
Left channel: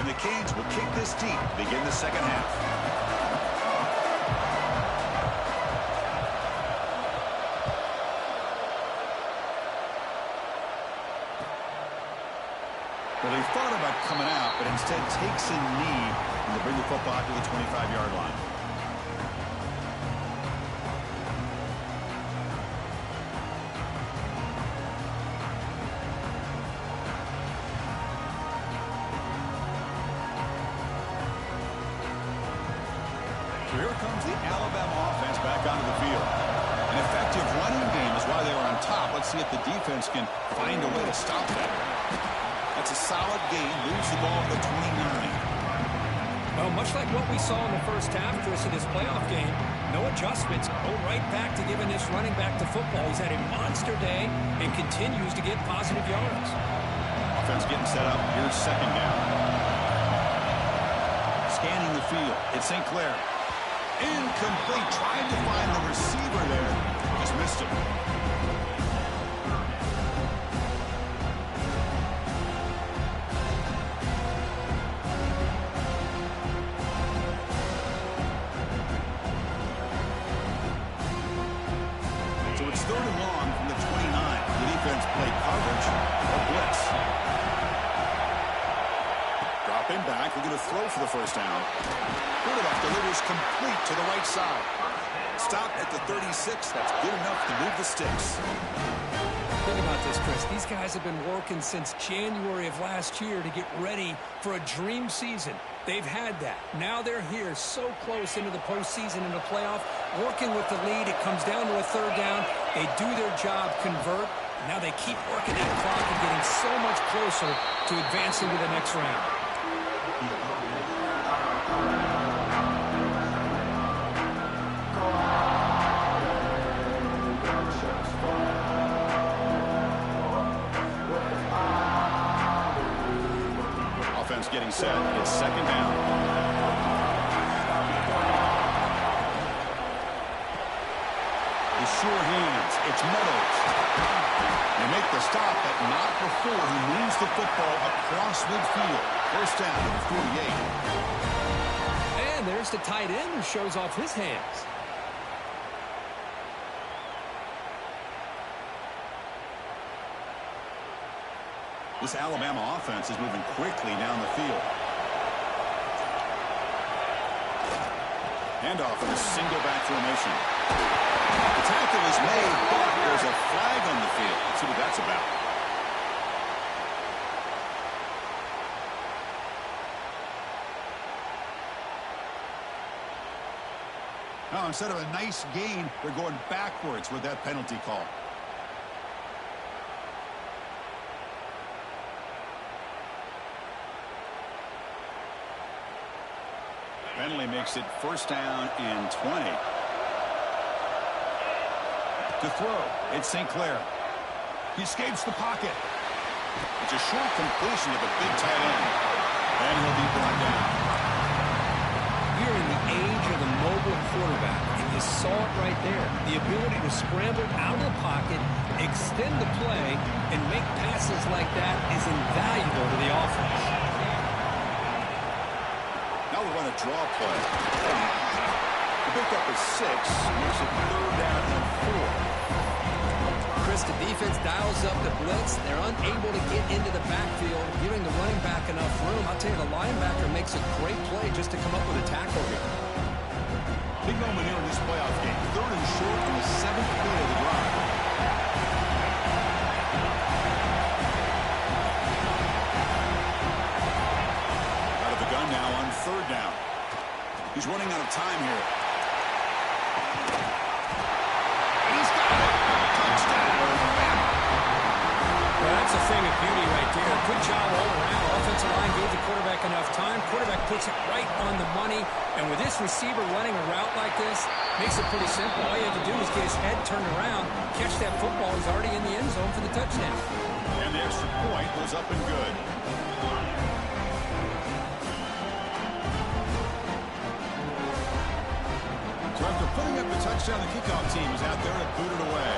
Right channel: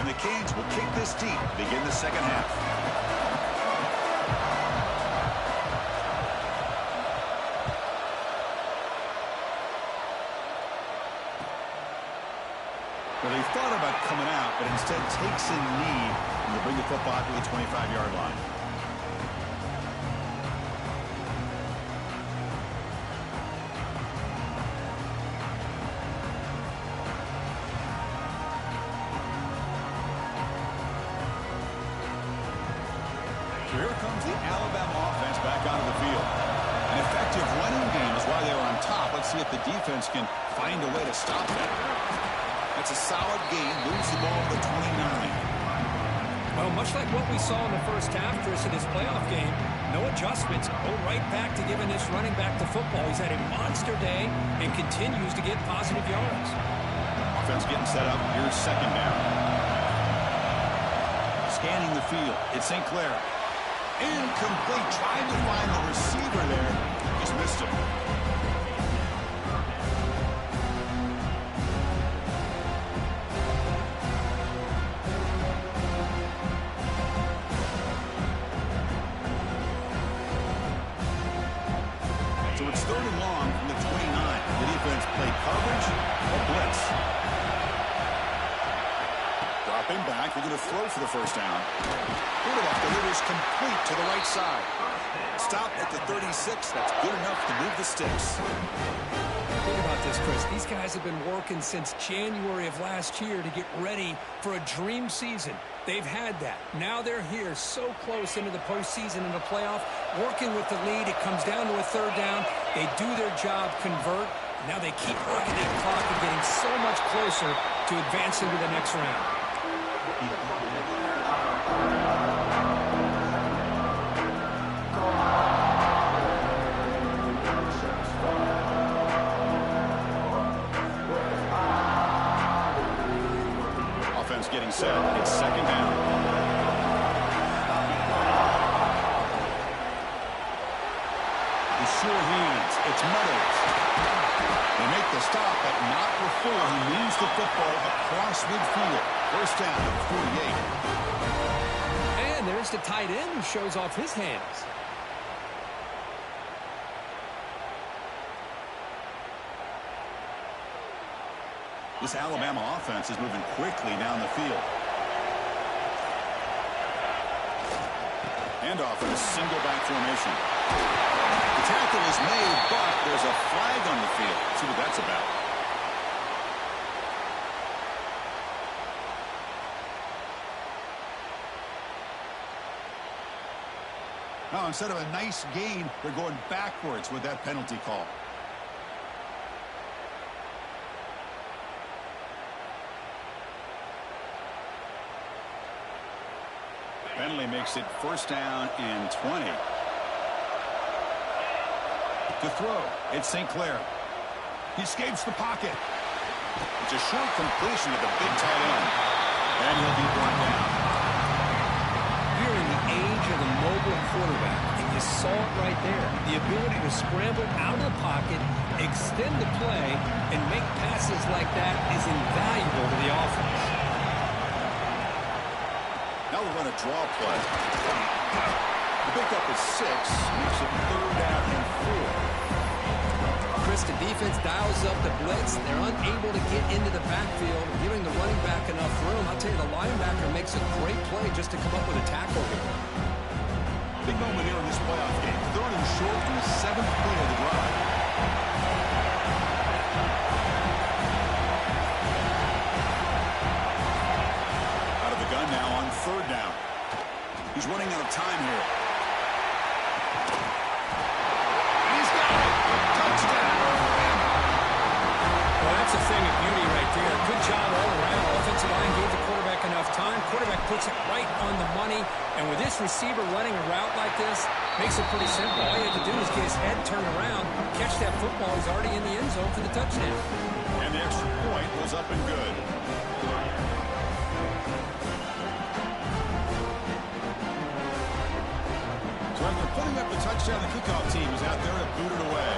And the Canes will kick this deep to begin the second half. Well, they thought about coming out, but instead takes a knee and they bring the football to the 25-yard line. So here comes the Alabama offense back onto the field. An effective running game is why they were on top. Let's see if the defense can find a way to stop that. That's a solid gain. Moves the ball to the 29. Well, much like what we saw in the first half, Chris, of this playoff game, no adjustments. Go right back to giving this running back the football. He's had a monster day and continues to get positive yards. Offense getting set up. Here's 2nd down. Scanning the field. It's St. Clair. Incomplete. Tried to find the receiver there. Just missed him. So it's 3rd and long from the 29. The defense play coverage or blitz. Dropping back. They're going to throw for the first down. Quarterback delivers complete to the right side. Stop at the 36. That's good enough to move the sticks. Think about this, Chris. These guys have been working since January of last year to get ready for a dream season. They've had that. Now they're here so close into the postseason and the playoff, working with the lead. It comes down to a 3rd down. They do their job, convert. Now they keep working that clock and getting so much closer to advancing to the next round. Offense getting set. It's 2nd down. The sure hands. It's Meadows. They make the stop, but not before he moves the football across midfield. First down to the 48. And there's the tight end who shows off his hands. This Alabama offense is moving quickly down the field. Handoff in a single back formation. The tackle is made, but there's a flag on the field. Let's see what that's about. Now, instead of a nice gain, they're going backwards with that penalty call. Penalty makes it first down and 20. To throw, it's St. Clair. He escapes the pocket. It's a short completion to the big tight end. And he'll be brought down. We're in the age of the mobile quarterback, and you saw it right there. The ability to scramble out of the pocket, extend the play, and make passes like that is invaluable to the offense. Now we run a draw play. The pickup is 6, makes it third down and 4. Chris, the defense dials up the blitz. They're unable to get into the backfield, giving the running back enough room. I'll tell you, the linebacker makes a great play just to come up with a tackle here. Big moment here in this playoff game. Third and short on the 7th play of the drive. Out of the gun now on third down. He's running out of time here. And he's got it. Touchdown, Bama. Well, that's a thing of beauty right there. Good job all around. Offensive line gave the quarterback enough time. Quarterback puts it right on the money. And with this receiver running a route like this, makes it pretty simple. All you have to do is get his head turned around, catch that football. He's already in the end zone for the touchdown. And the extra point was up and good. So after putting up the touchdown, the kickoff team is out there to boot it away.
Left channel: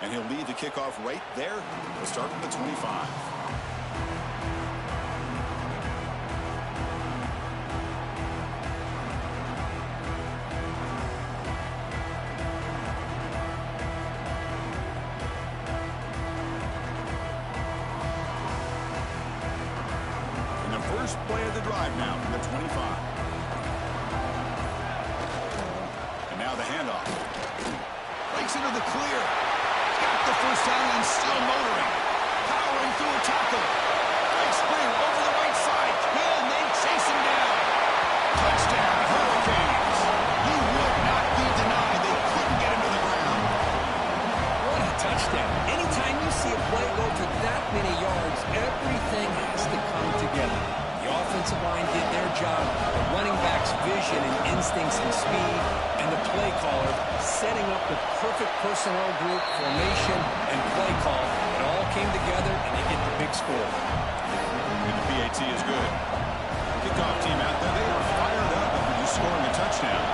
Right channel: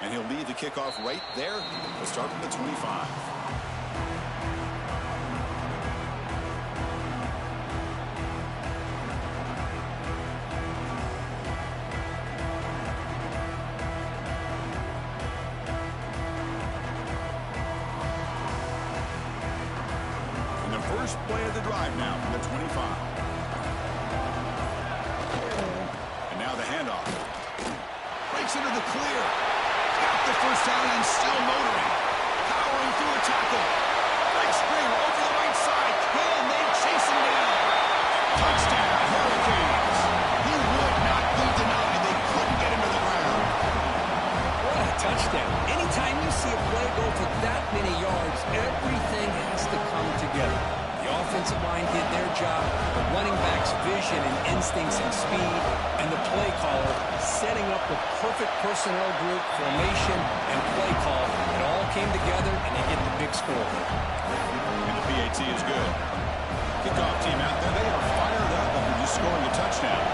And he'll lead the kickoff right there. We'll start from the 25. And the first play of the drive now from the 25. And now the handoff. Breaks into the clear. Got the first down and still motoring. Powering through a tackle. Breaks free over the right side. Can they chase him down? Touchdown, Hurricanes. He would not be denied. They couldn't get him to the ground. What a touchdown. Anytime you see a play go for that many yards, everything has to come together. The offensive line did their job, the running back's vision and instincts and speed, and the play caller setting up the perfect personnel group, formation, and play call. It all came together, and they get the big score. And the PAT is good. Kickoff team out there, they are fired up after just scoring a touchdown.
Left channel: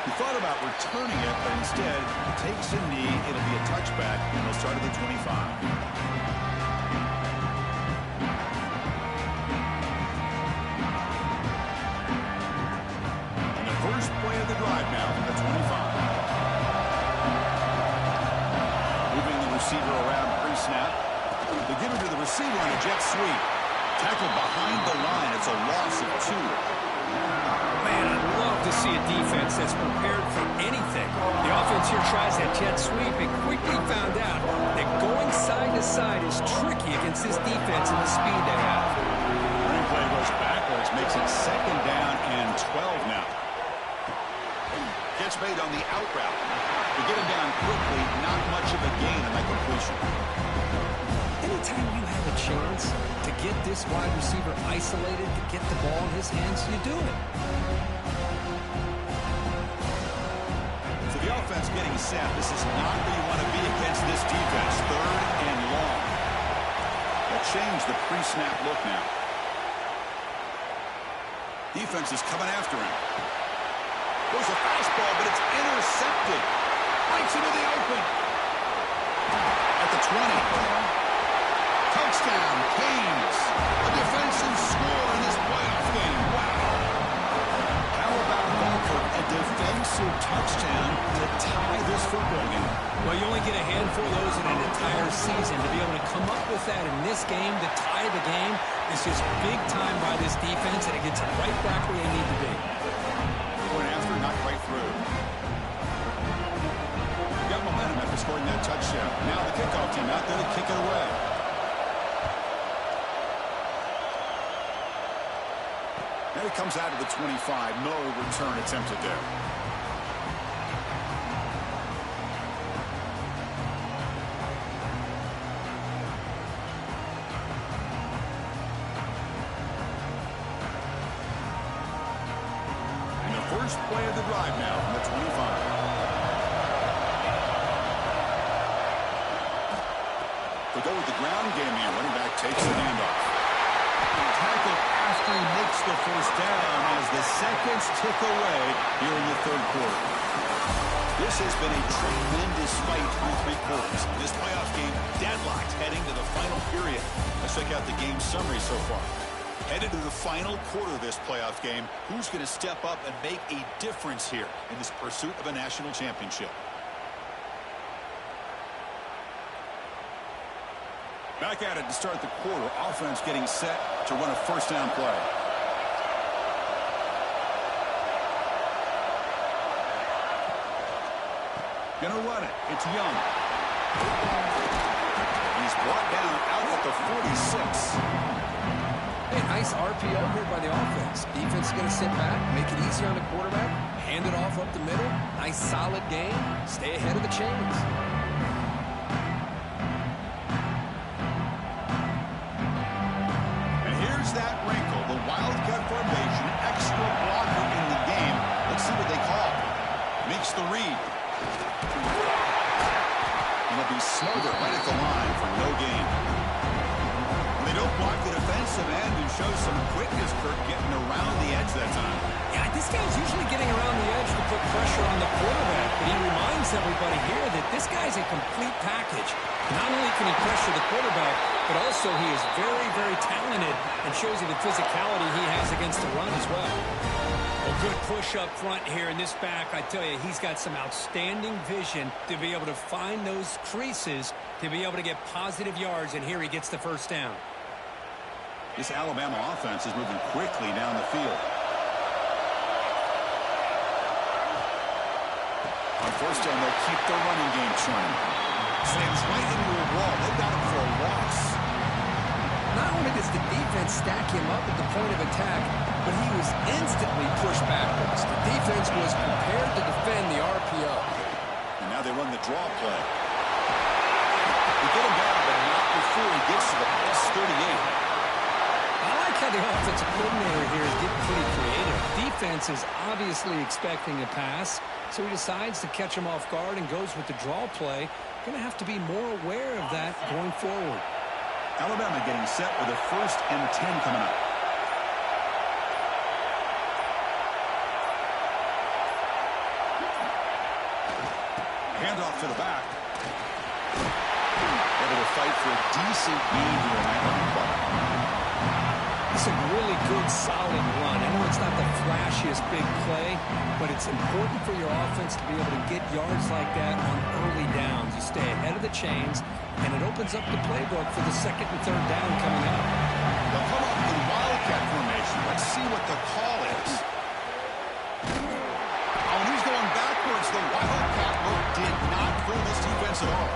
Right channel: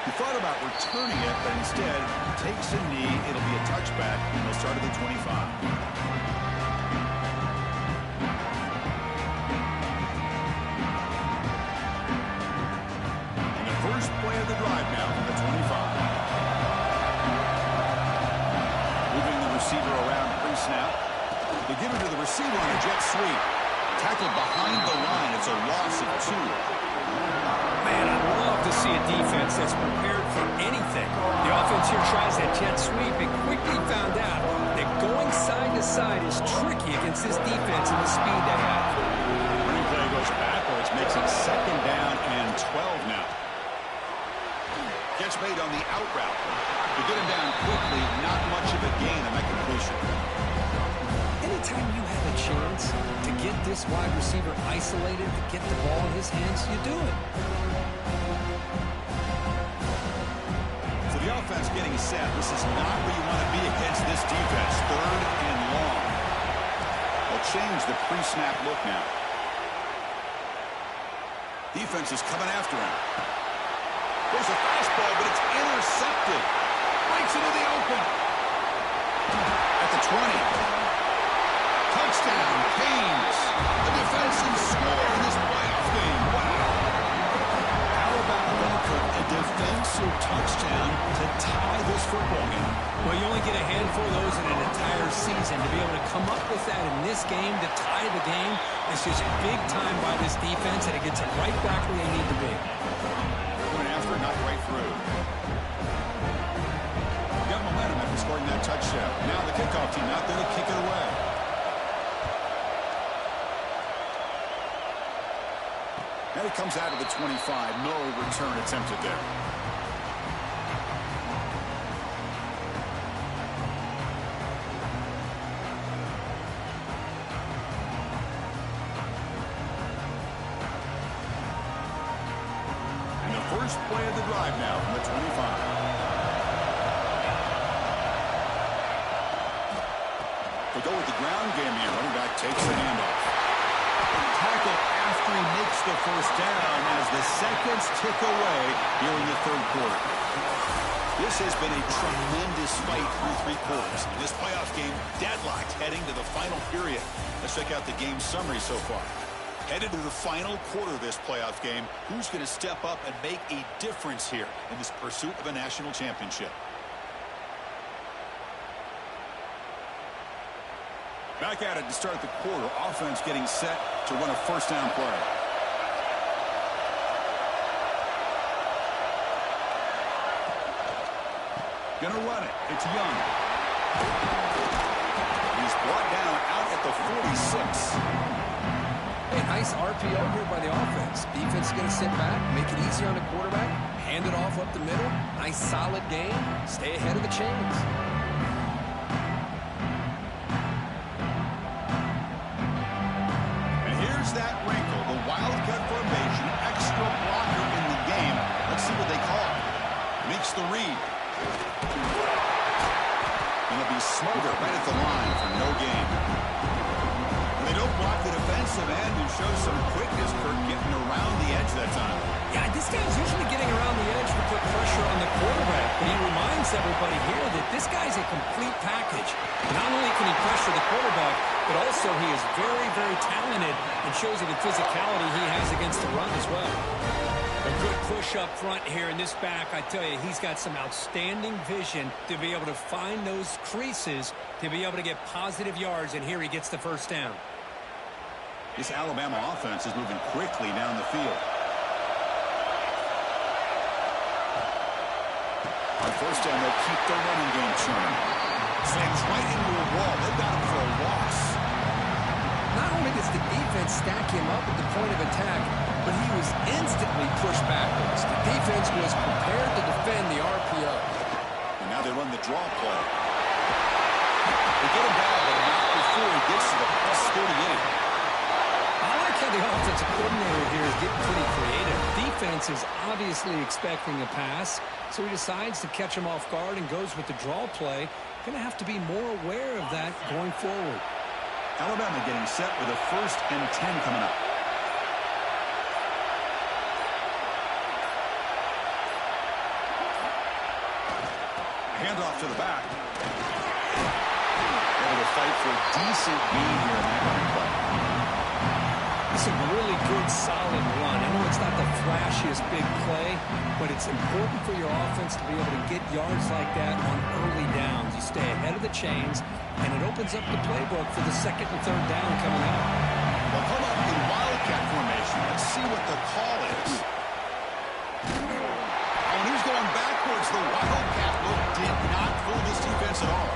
He thought about returning it, but instead takes a knee. It'll be a touchback, and they'll start at the 25. And the first play of the drive now from the 25. Moving the receiver around pre-snap. They give it to the receiver on a jet sweep. Tackled behind the line. It's a loss of 2. Man, I'd love to see a defense that's prepared for anything. The offense here tries that jet sweep and quickly found out that going side to side is tricky against this defense and the speed they have. Running play goes backwards, makes it second down and 12 now. Gets made on the out route. To get him down quickly, not much of a gain on that completion. Anytime you have a chance to get this wide receiver isolated, to get the ball in his hands, you do it. So the offense getting set. This is not where you want to be against this defense. Third and long. They'll change the pre-snap look now. Defense is coming after him. Goes a fastball, but it's intercepted. Breaks into the open. At the 20. Touchdown, Canes. A defensive score in this playoff game. Wow. How about that, Kirk? A defensive touchdown to tie this football game. Well, you only get a handful of those in an entire season. To be able to come up with that in this game, to tie the game, is just big time by this defense, and it gets them right back where they need to be. Going after, not right through. Got momentum after scoring that touchdown. Now the kickoff team out there to kick it away. And it comes out of the 25. No return attempted there. First play of the drive now from the 25. They go with the ground game here. Running back takes the handoff. Tackle after he makes the first down as the seconds tick away here in the third quarter. This has been a tremendous fight through three quarters. In this playoff game, deadlocked heading to the final period. Let's check out the game summary so far. Headed to the final quarter of this playoff game, who's going to step up and make a difference here in this pursuit of a national championship? Back at it to start the quarter. Offense getting set to run a first down play. Gonna run it. It's Young. He's brought down out at the 46. Hey, nice RPO here by the offense. Defense is going to sit back, make it easy on the quarterback, hand it off up the middle. Nice solid game. Stay ahead of the chains. And here's that wrinkle. The Wildcat formation, extra blocker in the game. Let's see what they call. Makes the read. It'll be Smoger right at the line for no gain. They don't block the defensive end and show some quickness, Kirk, getting around the edge that time. Yeah, this guy's usually getting around the edge to put pressure on the quarterback, but he reminds everybody here that this guy's a complete package. Not only can he pressure the quarterback, but also he is very, very talented and shows you the physicality he has against the run as well. A good push up front here in this back. I tell you, he's got some outstanding vision to be able to find those creases, to be able to get positive yards, and here he gets the first down. This Alabama offense is moving quickly down the field. On first down, they'll keep the running game churning. Slams right into a wall. They've got him for a loss. Not only does the defense stack him up at the point of attack, but he was instantly pushed backwards. The defense was prepared to defend the RPO. And now they run the draw play. They get him down, but not before he gets to the plus 38. I like how the offensive coordinator here is getting pretty creative. Defense is obviously expecting a pass, so he decides to catch him off guard and goes with the draw play. Going to have to be more aware of that going forward. Alabama getting set with a 1st and 10 coming up. Handoff to the back. Able to fight for a decent gain here in that running play. It's a really good, solid run. I know it's not the flashiest big play, but it's important for your offense to be able to get yards like that on early downs. You stay ahead of the chains, and it opens up the playbook for the 2nd and 3rd down coming up. They'll come up in Wildcat formation. Let's see what the call is. Oh, and he's going backwards. The Wildcat look did not fool this defense at all.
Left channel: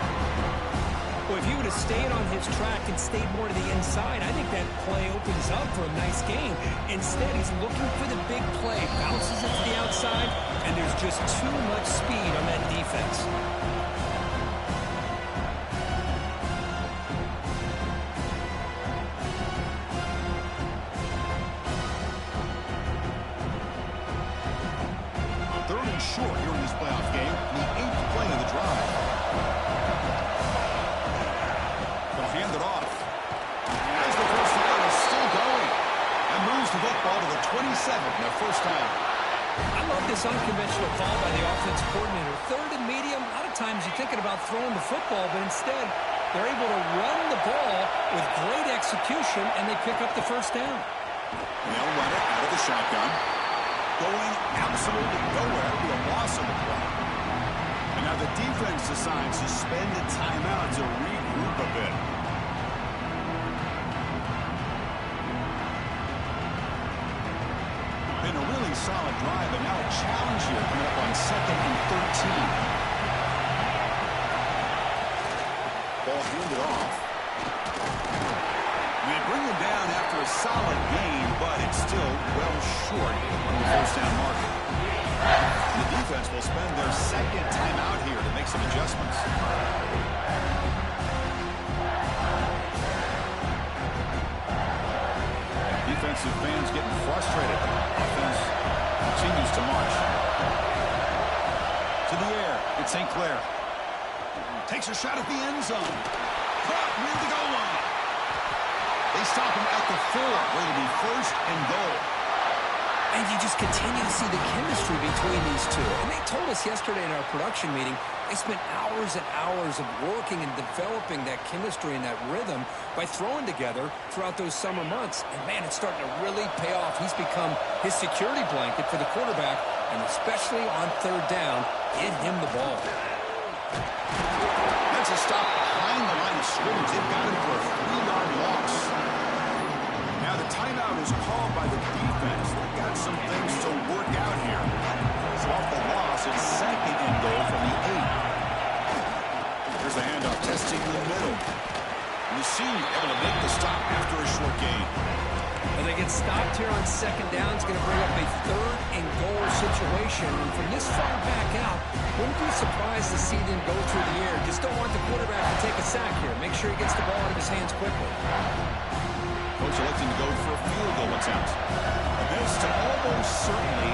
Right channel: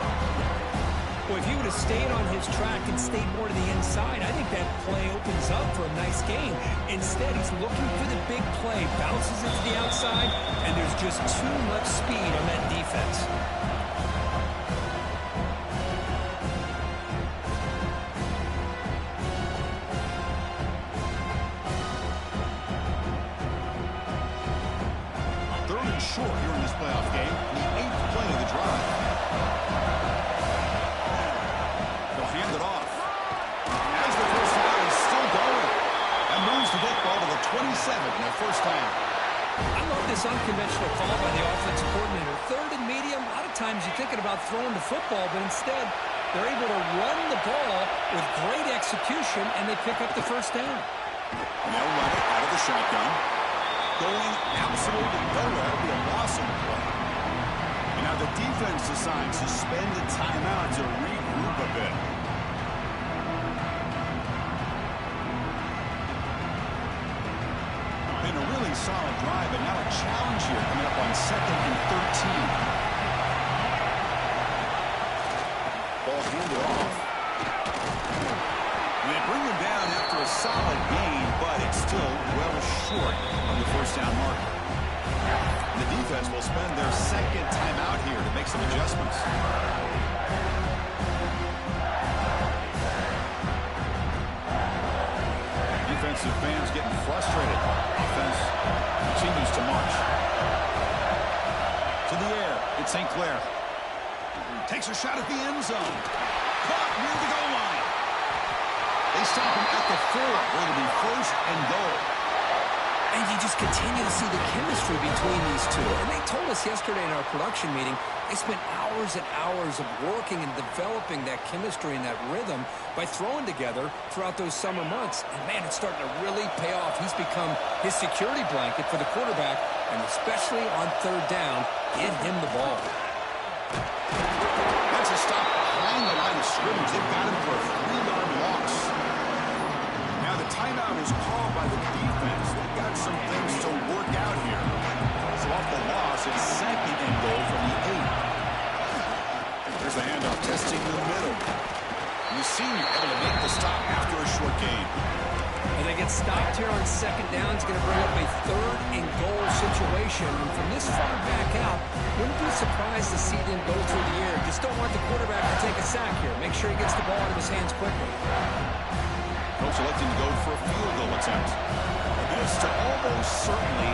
Well, if he would have stayed on his track and stayed more to the inside, I think that play opens up for a nice gain. Instead, he's looking for the big play, bounces it to the outside, and there's just too much speed on that defense. Third and short here in this playoff game, the 8th play of the drive. They'll hand it off. As the first down is still going. And moves the football to the 27, their first down. I love this unconventional call by the offensive coordinator. 3rd and medium, a lot of times you're thinking about throwing the football, but instead they're able to run the ball with great execution, and they pick up the first down. And they'll run it out of the shotgun. Going absolutely nowhere. It'll be a loss on the play. And now the defense decides to spend a timeout to regroup a bit. Been a really solid drive, but now a challenge here coming up on 2nd and 13. Ball handed off. They bring him down after a solid gain, but it's still well short of the first down marker. The defense will spend their 2nd timeout here to make some adjustments. Defense defensive fans getting frustrated. Offense continues to march. To the air, it's St. Clair. Takes a shot at the end zone. Caught near the goal line. They stop him at the 4, where it'll be first and goal. And you just continue to see the chemistry between these two. And they told us yesterday in our production meeting, they spent hours and hours of working and developing that chemistry and that rhythm by throwing together throughout those summer months. And, man, it's starting to really pay off. He's become his security blanket for the quarterback, and especially on third down, get him the ball. That's a stop behind the line of scrimmage. They've got him for a 3-yard loss. Now the timeout is called by the defense. They've got some things to work out here. So off the loss, it's second and goal from the 8. There's the handoff, testing the middle. And the senior able to make the stop after a short gain. And they get stopped here on second down. It's going to bring up a third and goal situation. And from this far back out, wouldn't be surprised to see them go through the air. Just don't want the quarterback to take a sack here. Make sure he gets the ball out of his hands quickly. Coach electing to go for a field goal attempt. And this to almost certainly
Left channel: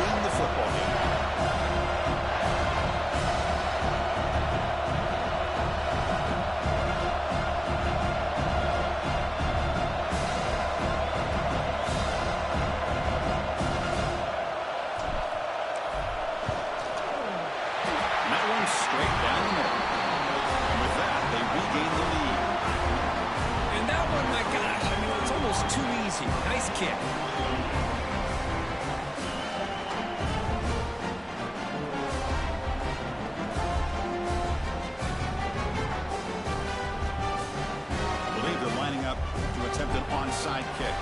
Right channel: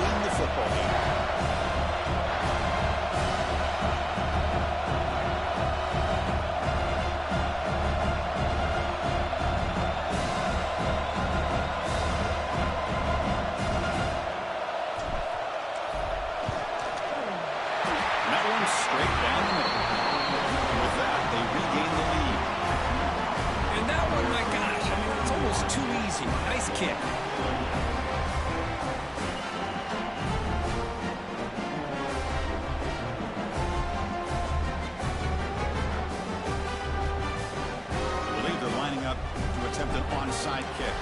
win the football game. And that one's straight down the middle. And with that, they regain the lead. And that one, my gosh, I mean, it's almost too easy. Nice kick. I believe they're lining up to attempt an onside kick.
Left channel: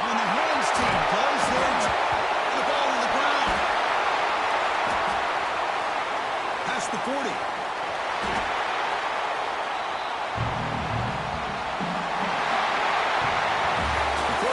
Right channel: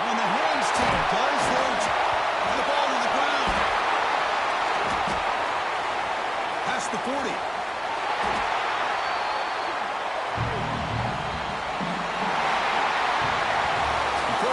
On the hands team does their and the ball to the ground. Past the 40.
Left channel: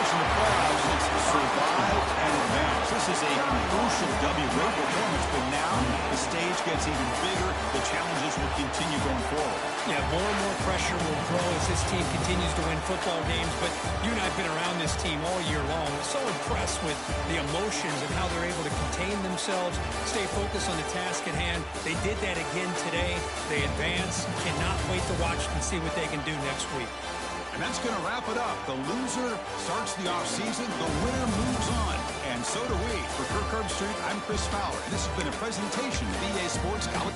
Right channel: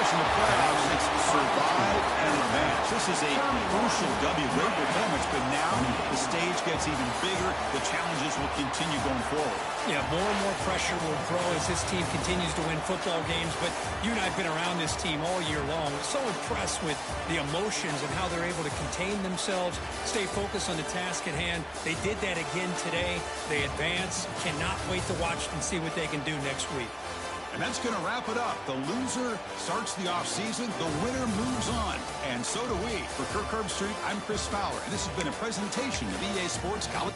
In the playoffs, it's survive and advance. This is a crucial W. Great performance, but now the stage gets even bigger. The challenges will continue going forward. Yeah, more and more pressure will grow as this team continues to win football games. But you and I have been around this team all year long. So impressed with the emotions and how they're able to contain themselves, stay focused on the task at hand. They did that again today. They advance. Cannot wait to watch and see what they can do next week. And that's going to wrap it up. The loser starts the offseason. The winner moves on. And so do we. For Kirk Herbstreit, I'm Chris Fowler. And this has been a presentation of EA Sports College.